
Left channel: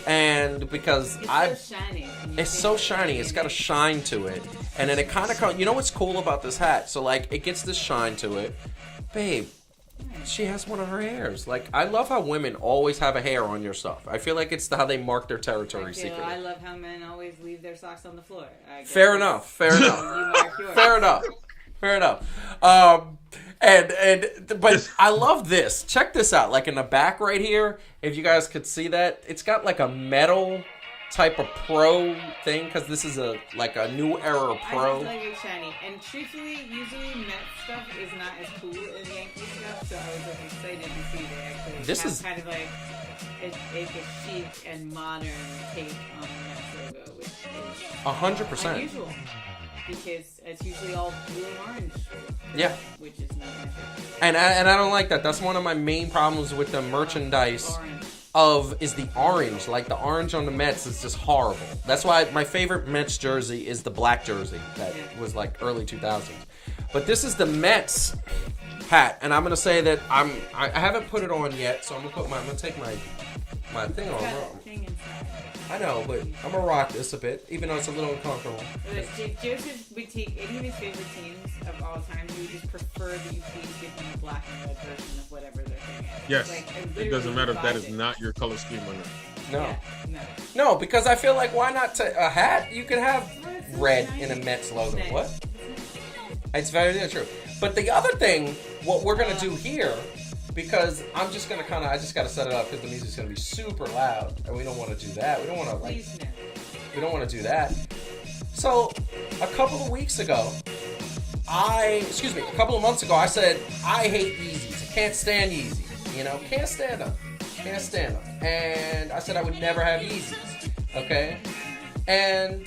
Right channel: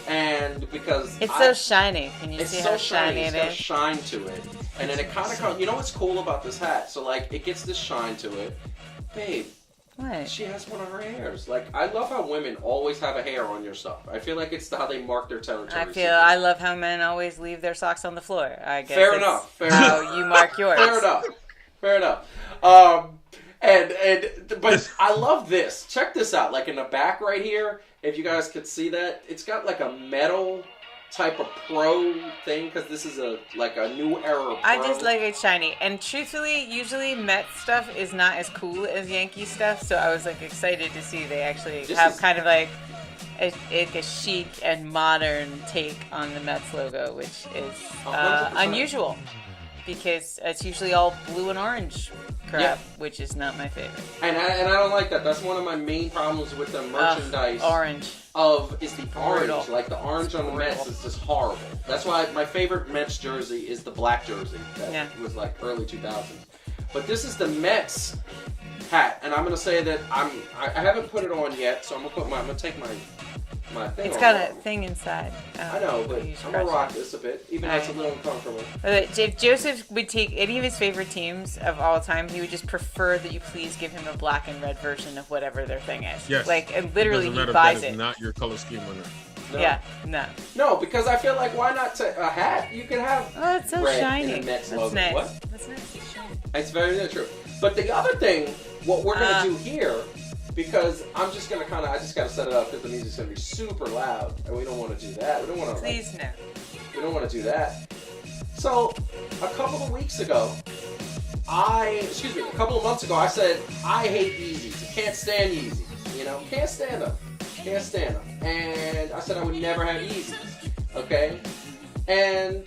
And because it's so shiny. Can you it's see so how shiny. It's got a it is? shine to it. And then it kind of... You know what's cool about this hat? So, like, it gets this shine to it. Babe. What? She has one of her hairs. Like, I love how women always have a hair on your stuff. I feel like it's how they mark their territory. I love how men always leave their socks on the floor. I guess Fair enough. Fair enough. You mark yours. Fair enough. Fair enough. But I love this. Check this out. Like in the back right here, if you guys could see that, it's got like a metal type of pro thing because this is a new era pro. I just like it shiny, and truthfully, usually Met stuff is not as cool as Yankee stuff. So I was like excited to see they actually have kind of like a chic and modern take on the Mets logo, which is 100%. unusual because it's usually all blue and orange crap, which is not my favorite. And I don't like that. That's one of my main problems with the merchandise. Orange. Is the orange. Brutal. Like the orange on the Mets is just horrible. That's why my favorite Mets jersey is the black jersey that was like early 2000s. But this is the Mets hat, and I'm gonna say that I haven't put it on yet, so I'm gonna take my thing. It's on. got a thing inside. I know, but I'm gonna rock this a bit, even though it's a little uncomfortable. If Joseph would take any of his favorite teams of all time, he would just prefer that you please give him a black and red version of whatever their thing is. Yes. Like, it literally, doesn't matter he if that buys is it. not your color scheme or not. No. Yeah, no. No, because I feel like why not a hat? You could have Oh, it's so red shiny. in a Mets That's logo. nice. What? That's nice. It's very true. But the other thing, what we're gonna do here, because I'm just gonna I just gotta set it up because the music's gonna be super loud, and we don't want to do that. We don't want to. Please no. We don't want to do that. So, a couple of months ago, I said I hate Yeezys. I can't stand Yeezys. You know, can't stand them. Can't stand them. And I said I would never have Yeezys. Okay, and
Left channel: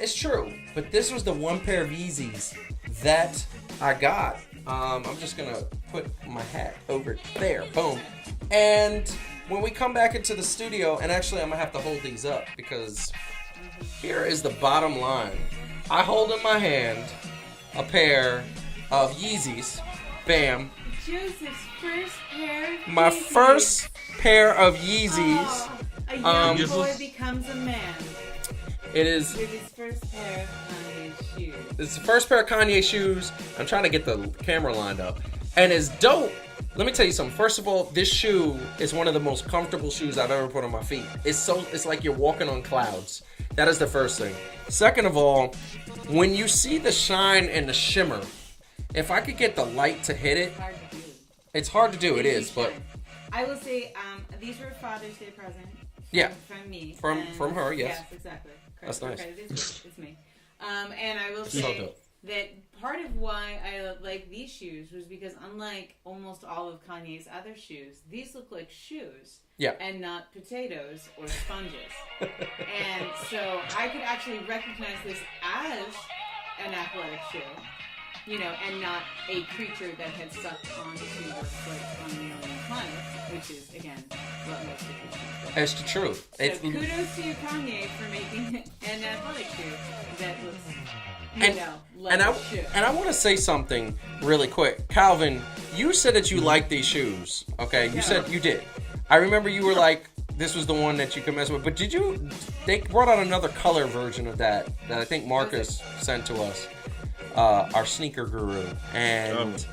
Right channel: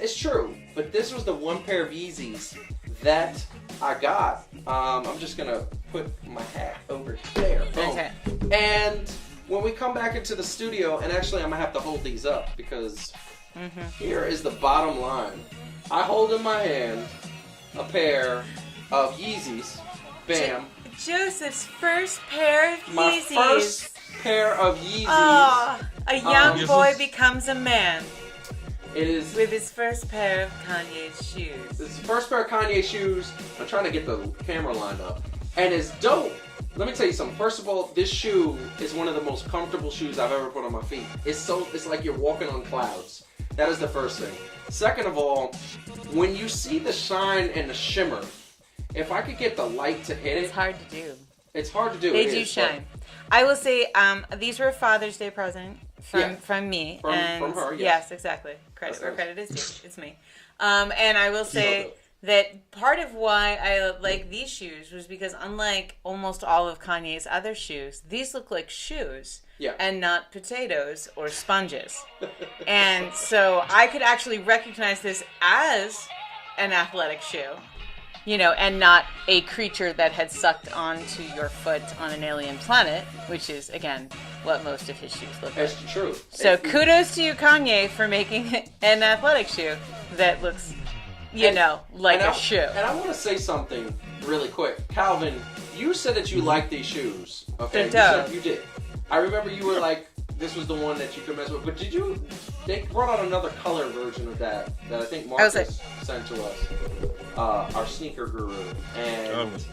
it's true. But this was the one pair of Yeezys that I got. I'm just gonna put my hat over there. Boom. And when we come back into the studio, and actually I'm gonna have to hold these up because here is the bottom line. I hold in my hand a pair of Yeezys. Bam. Joseph's first pair of My Yeezys. first pair of Yeezys. Oh, a young this boy is- becomes a man It is. with his first pair of Kanye's shoes. It's the first pair of Kanye shoes. I'm trying to get the camera lined up. And it's dope. Let me tell you something. First of all, this shoe is one of the most comfortable shoes I've ever put on my feet. It's like you're walking on clouds. That is the first thing. Second of all, when you see the shine and the shimmer, if I could get the light to hit it, It's hard to do. it's hard to do. They It do is, shine. I will say, these were a Father's Day present from me. From her, yes. Yes, exactly. Credit That's where nice. credit is it's me. And I will say that part of why I like these shoes was because unlike almost all of Kanye's other shoes, these look like shoes. Yeah. And not potatoes or sponges. And so I could actually recognize this as an athletic shoe. You know, and not a creature that had sucked onto your foot on an alien planet, which is, again, what most of his shoes look like. It's the truth. So kudos to you, Kanye, for making an athletic shoe that looks, like a shoe. And I want to say something really quick. Calvin, you said that you like these shoes. Okay, you said you did. I remember you were like, this was the one that you could mess with. But they brought out another color version of that I think Marcus sent to us. Our sneaker guru. And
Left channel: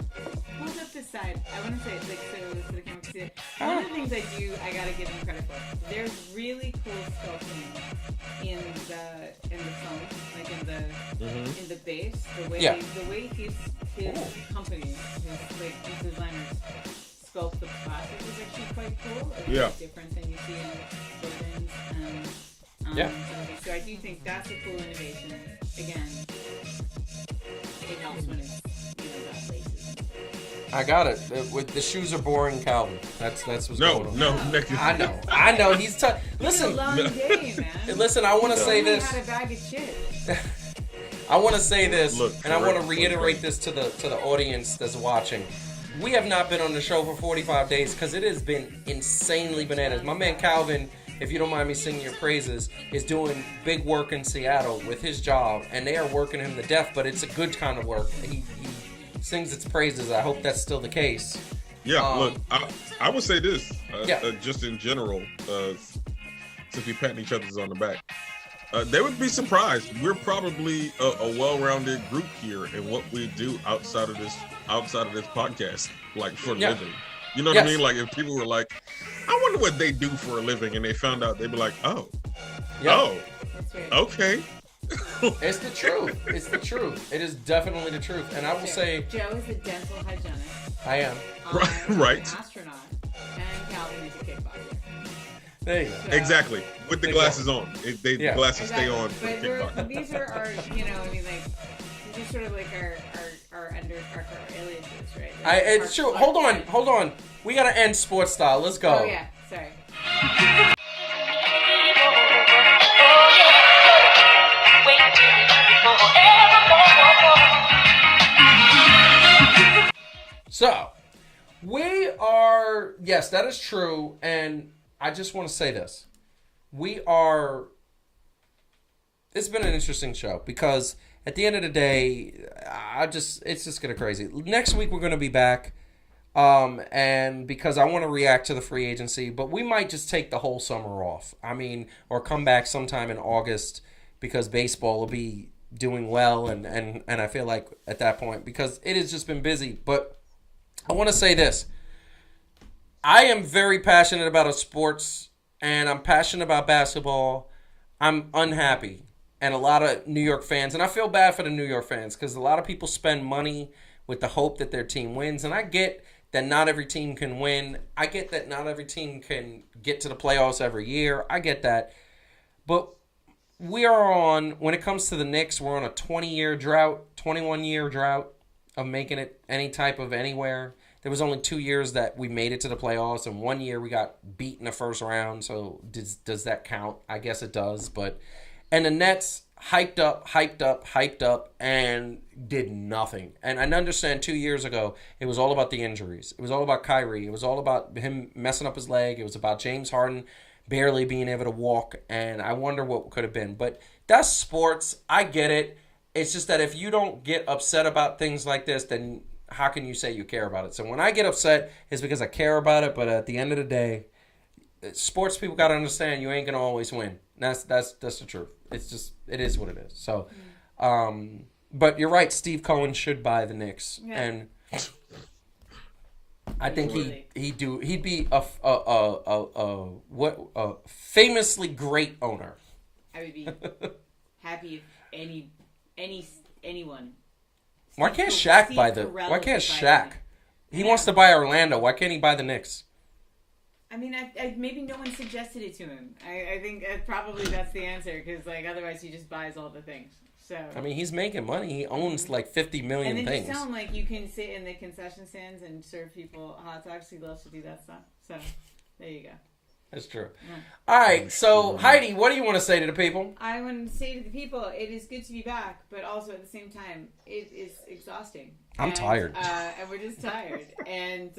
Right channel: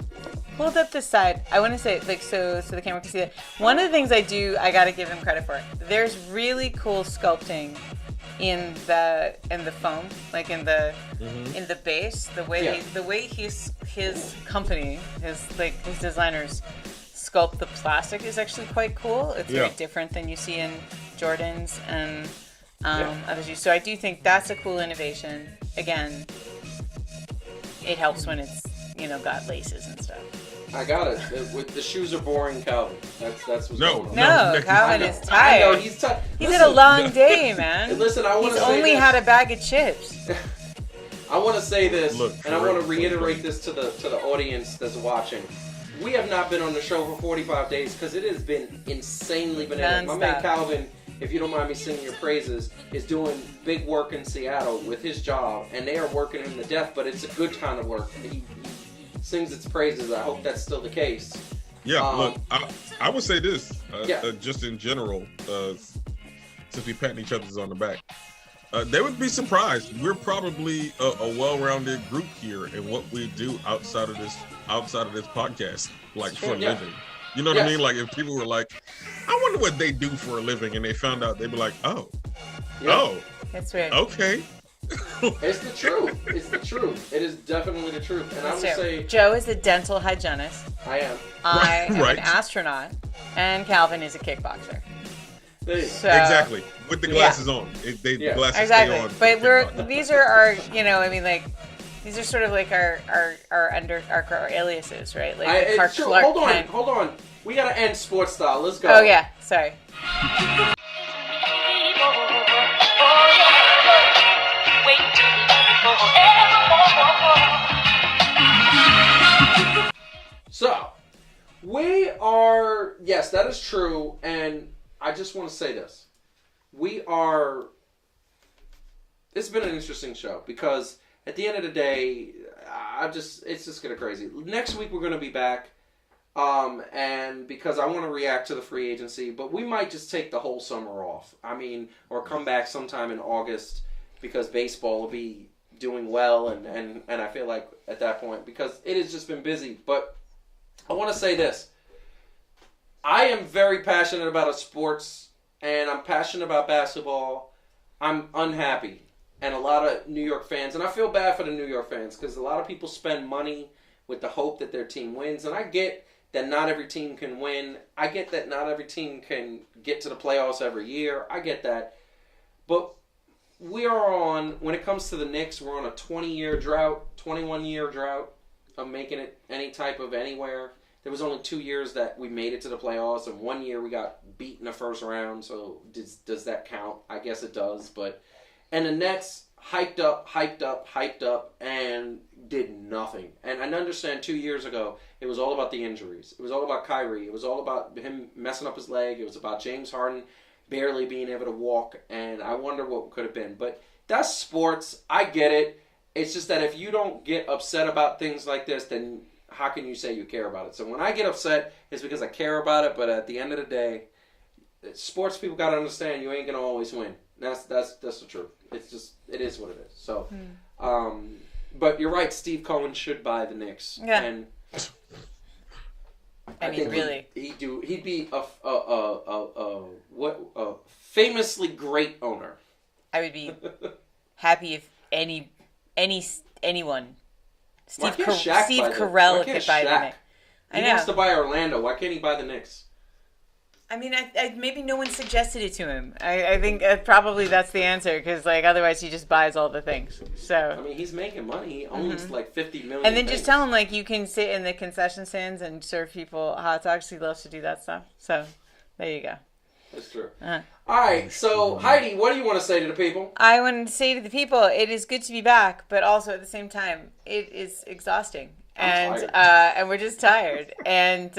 hold up this side. I want to say, like, so the camera can see it. One of the things I gotta give him credit for. There's really cool sculpting in the foam, like in the base. The way his company, his designers sculpt the plastic is actually quite cool. It's very different than you see in Jordans and other shoes. So I do think that's a cool innovation. Again, it helps when it's got laces and stuff. I got it. With the shoes are boring, Calvin. That's what's No, going on. No, Calvin is tired. I know he's tired. He's had a long day, man. Listen, I want to say only this. had a bag of chips. I want to say this, and I want to correct. reiterate this to the audience that's watching. We have not been on the show for 45 days because it has been insanely bananas. My man Calvin, if you don't mind me singing your praises, is doing big work in Seattle with his job, and they are working him to death, but it's a good kind of work. He sings its praises. I hope that's still the case. Yeah, look, I would say this, Yeah. Just in general, since we patting each other's on the back. They would be surprised. We're probably a well-rounded group here in what we do outside of this podcast, like for a living. You know what I mean? Like if people were like, I wonder what they do for a living, and they found out, they'd be like, oh, That's weird. okay. It's the truth. It's the truth. It is definitely the truth. And I will say, Joe is a dental hygienist. I am. I am Right. an astronaut, and Calvin is a kickboxer. There you go. So, Exactly. With the glasses on. The glasses exactly. stay on. But these are our, these are sort of like our aliases, right? Like It's true. Clark Kent. Hold on. We gotta end sports style. Let's go. Oh yeah, sorry. So, we are, yes, that is true, and I just want to say this. It's been an interesting show, because at the end of the day, it's just getting crazy. Next week, we're going to be back, and because I want to react to the free agency, but we might just take the whole summer off. Or come back sometime in August, because baseball will be doing well, and I feel like at that point, because it has just been busy, but I want to say this. I am very passionate about sports, and I'm passionate about basketball. I'm unhappy, and a lot of New York fans, and I feel bad for the New York fans, because a lot of people spend money with the hope that their team wins, and I get that not every team can win. I get that not every team can get to the playoffs every year. I get that. But we are on, when it comes to the Knicks, we're on a 20-year drought, 21-year drought of making it any type of anywhere. There was only 2 years that we made it to the playoffs, and 1 year we got beat in the first round. So does that count? I guess it does. And the Nets hyped up, and did nothing. And I understand 2 years ago it was all about the injuries. It was all about Kyrie. It was all about him messing up his leg. It was about James Harden barely being able to walk. And I wonder what could have been. But that's sports. I get it. It's just that if you don't get upset about things like this, then how can you say you care about it? So when I get upset, it's because I care about it. But at the end of the day, sports people got to understand you ain't gonna always win. That's the truth. It is what it is. So, but you're right. Steve Cohen should buy the Knicks, and I think really, he'd be a famously great owner. I would be happy if anyone. Why can't Shaq buy the? Why can't Shaq? He wants to buy Orlando. Why can't he buy the Knicks? I mean, maybe no one suggested it to him. I think probably that's the answer, because otherwise he just buys all the things. So I mean, he's making money. He owns like 50 million. And then things. just tell him you can sit in the concession stands and serve people hot dogs. He loves to do that stuff. So there you go. That's true. All right, so Heidi, what do you want to say to the people? I want to say to the people, it is good to be back, but also at the same time, it is exhausting. I'm tired. And we're just tired. And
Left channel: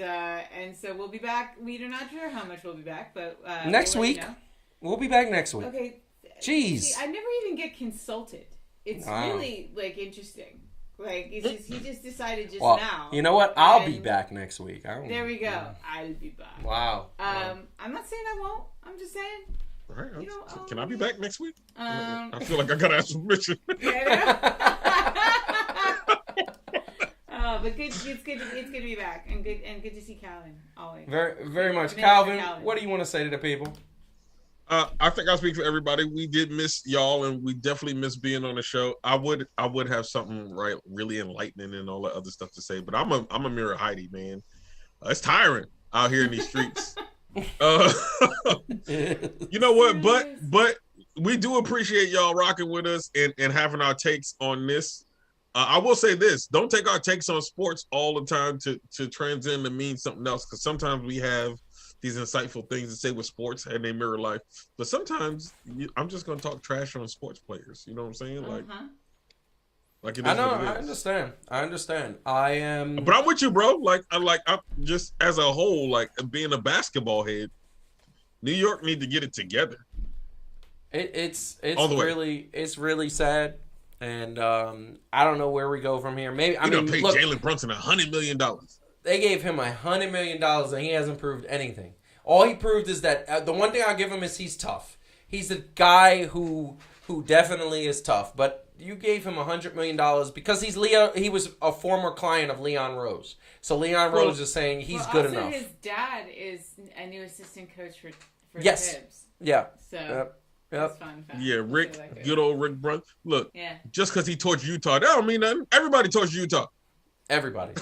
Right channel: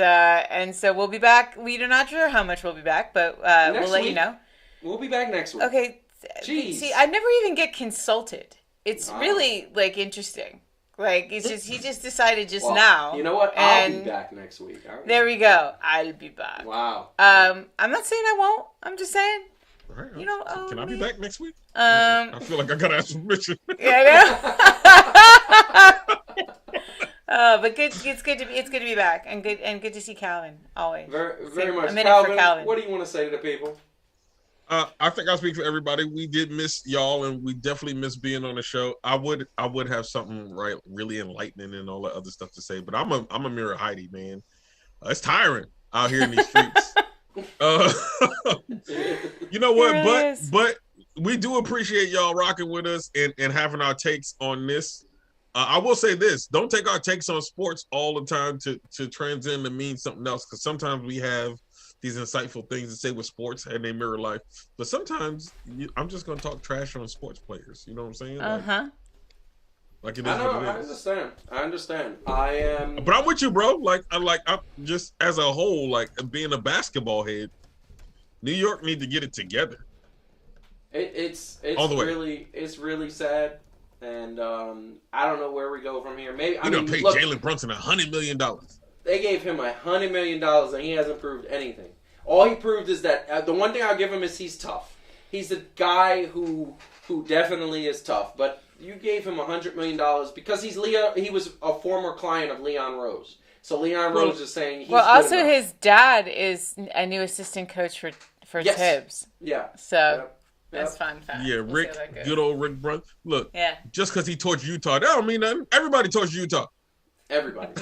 so we'll be back. We're not sure how much we'll be back, but next we'll let week, you know. We'll be back next week. Okay. Jeez. See, I never even get consulted. It's really interesting. He just decided now. You know what? I'll be back next week. There we go. I'll be back. Wow. I'm not saying I won't. I'm just saying. All right. You know, can I be back next week? I feel like I gotta ask permission. Yeah, I know. But good. It's good to be back, and good to see Calvin always. Very much. A minute for Calvin, what do you want to say to the people? I think I'll speak for everybody. We did miss y'all, and we definitely miss being on the show. I would have something really enlightening and all that other stuff to say, but I'm a mirror Heidi, man. It's tiring out here in these streets. You know what? But we do appreciate y'all rocking with us and having our takes on this. I will say this: don't take our takes on sports all the time to transcend to mean something else, because sometimes we have these insightful things to say with sports and they mirror life. But sometimes I'm just going to talk trash on sports players. You know what I'm saying? Like it is what it is. I understand. I am. But I'm with you, bro. I'm just as a whole, like being a basketball head, New York need to get it together. It's all the way. really sad. And I don't know where we go from here. Maybe you don't pay Jalen Brunson $100 million. They gave him $100 million, and he hasn't proved anything. All he proved is that the one thing I'll give him is he's tough. He's the guy who definitely is tough. But you gave him $100 million because he's Leo. He was a former client of Leon Rose. So Leon Rose is saying he's good also enough. His dad is a new assistant coach for Tibbs. Yeah. So that's fun. Yeah, Rick, good old Rick Brunson. Look, just because he torched Utah, that don't mean nothing. Everybody torched Utah. Everybody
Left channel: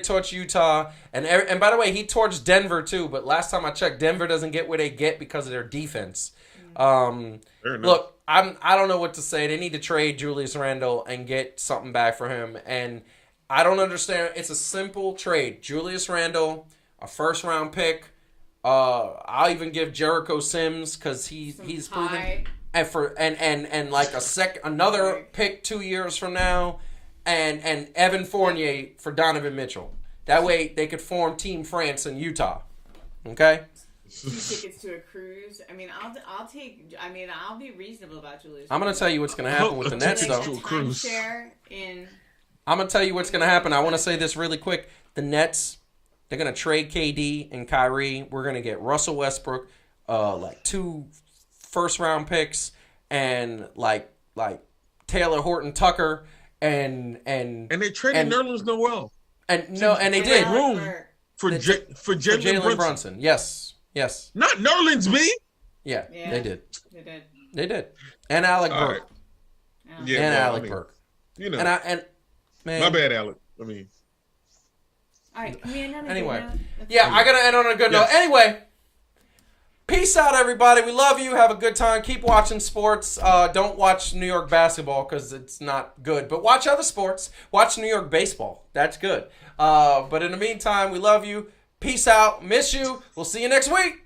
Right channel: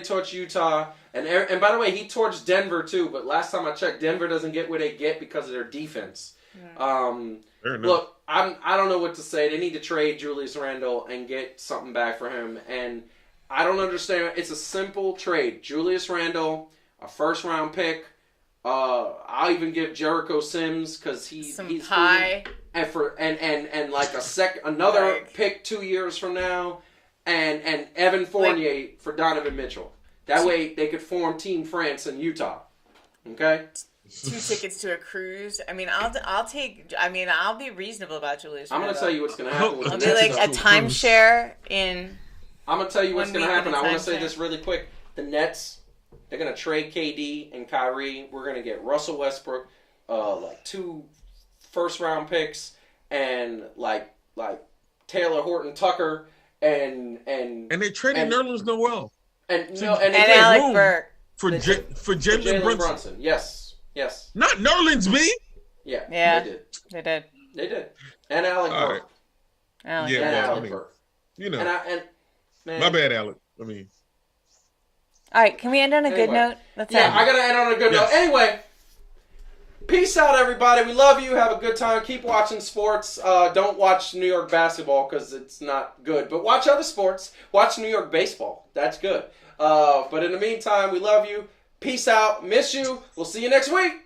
torched Utah, and by the way, he torched Denver too. But last time I checked, Denver doesn't get where they get because of their defense. Look, I don't know what to say. They need to trade Julius Randle and get something back for him. And I don't understand. It's a simple trade: Julius Randle, a first-round pick. I'll even give Jericho Sims because he's high and like another pick 2 years from now. And Evan Fournier for Donovan Mitchell. That way they could form Team France in Utah. Okay? 2 tickets to a cruise. I mean, I'll take. I mean, I'll be reasonable about Julius. I'm going to tell you what's going to happen with the I'll Nets. be like a timeshare in. I'm going to tell you what's going to happen. I want to say this really quick. The Nets, they're going to trade KD and Kyrie. We're going to get Russell Westbrook, like 2 first-round picks, and like Taylor Horton Tucker. And they traded Nerlens Noel. And they did Alec room Burke. for Jalen Brunson. Yes. Not Nerlens B. Yeah, they did. And Alec Burke. Right. Alec Burke. You know. Man, my bad, Alec. I mean. All right, can we end on a good note? I gotta end on a good note. Anyway. Peace out, everybody. We love you. Have a good time. Keep watching sports. Don't watch New York basketball because it's not good. But watch other sports. Watch New York baseball. That's good. But in the meantime, we love you. Peace out. Miss you. We'll see you next week.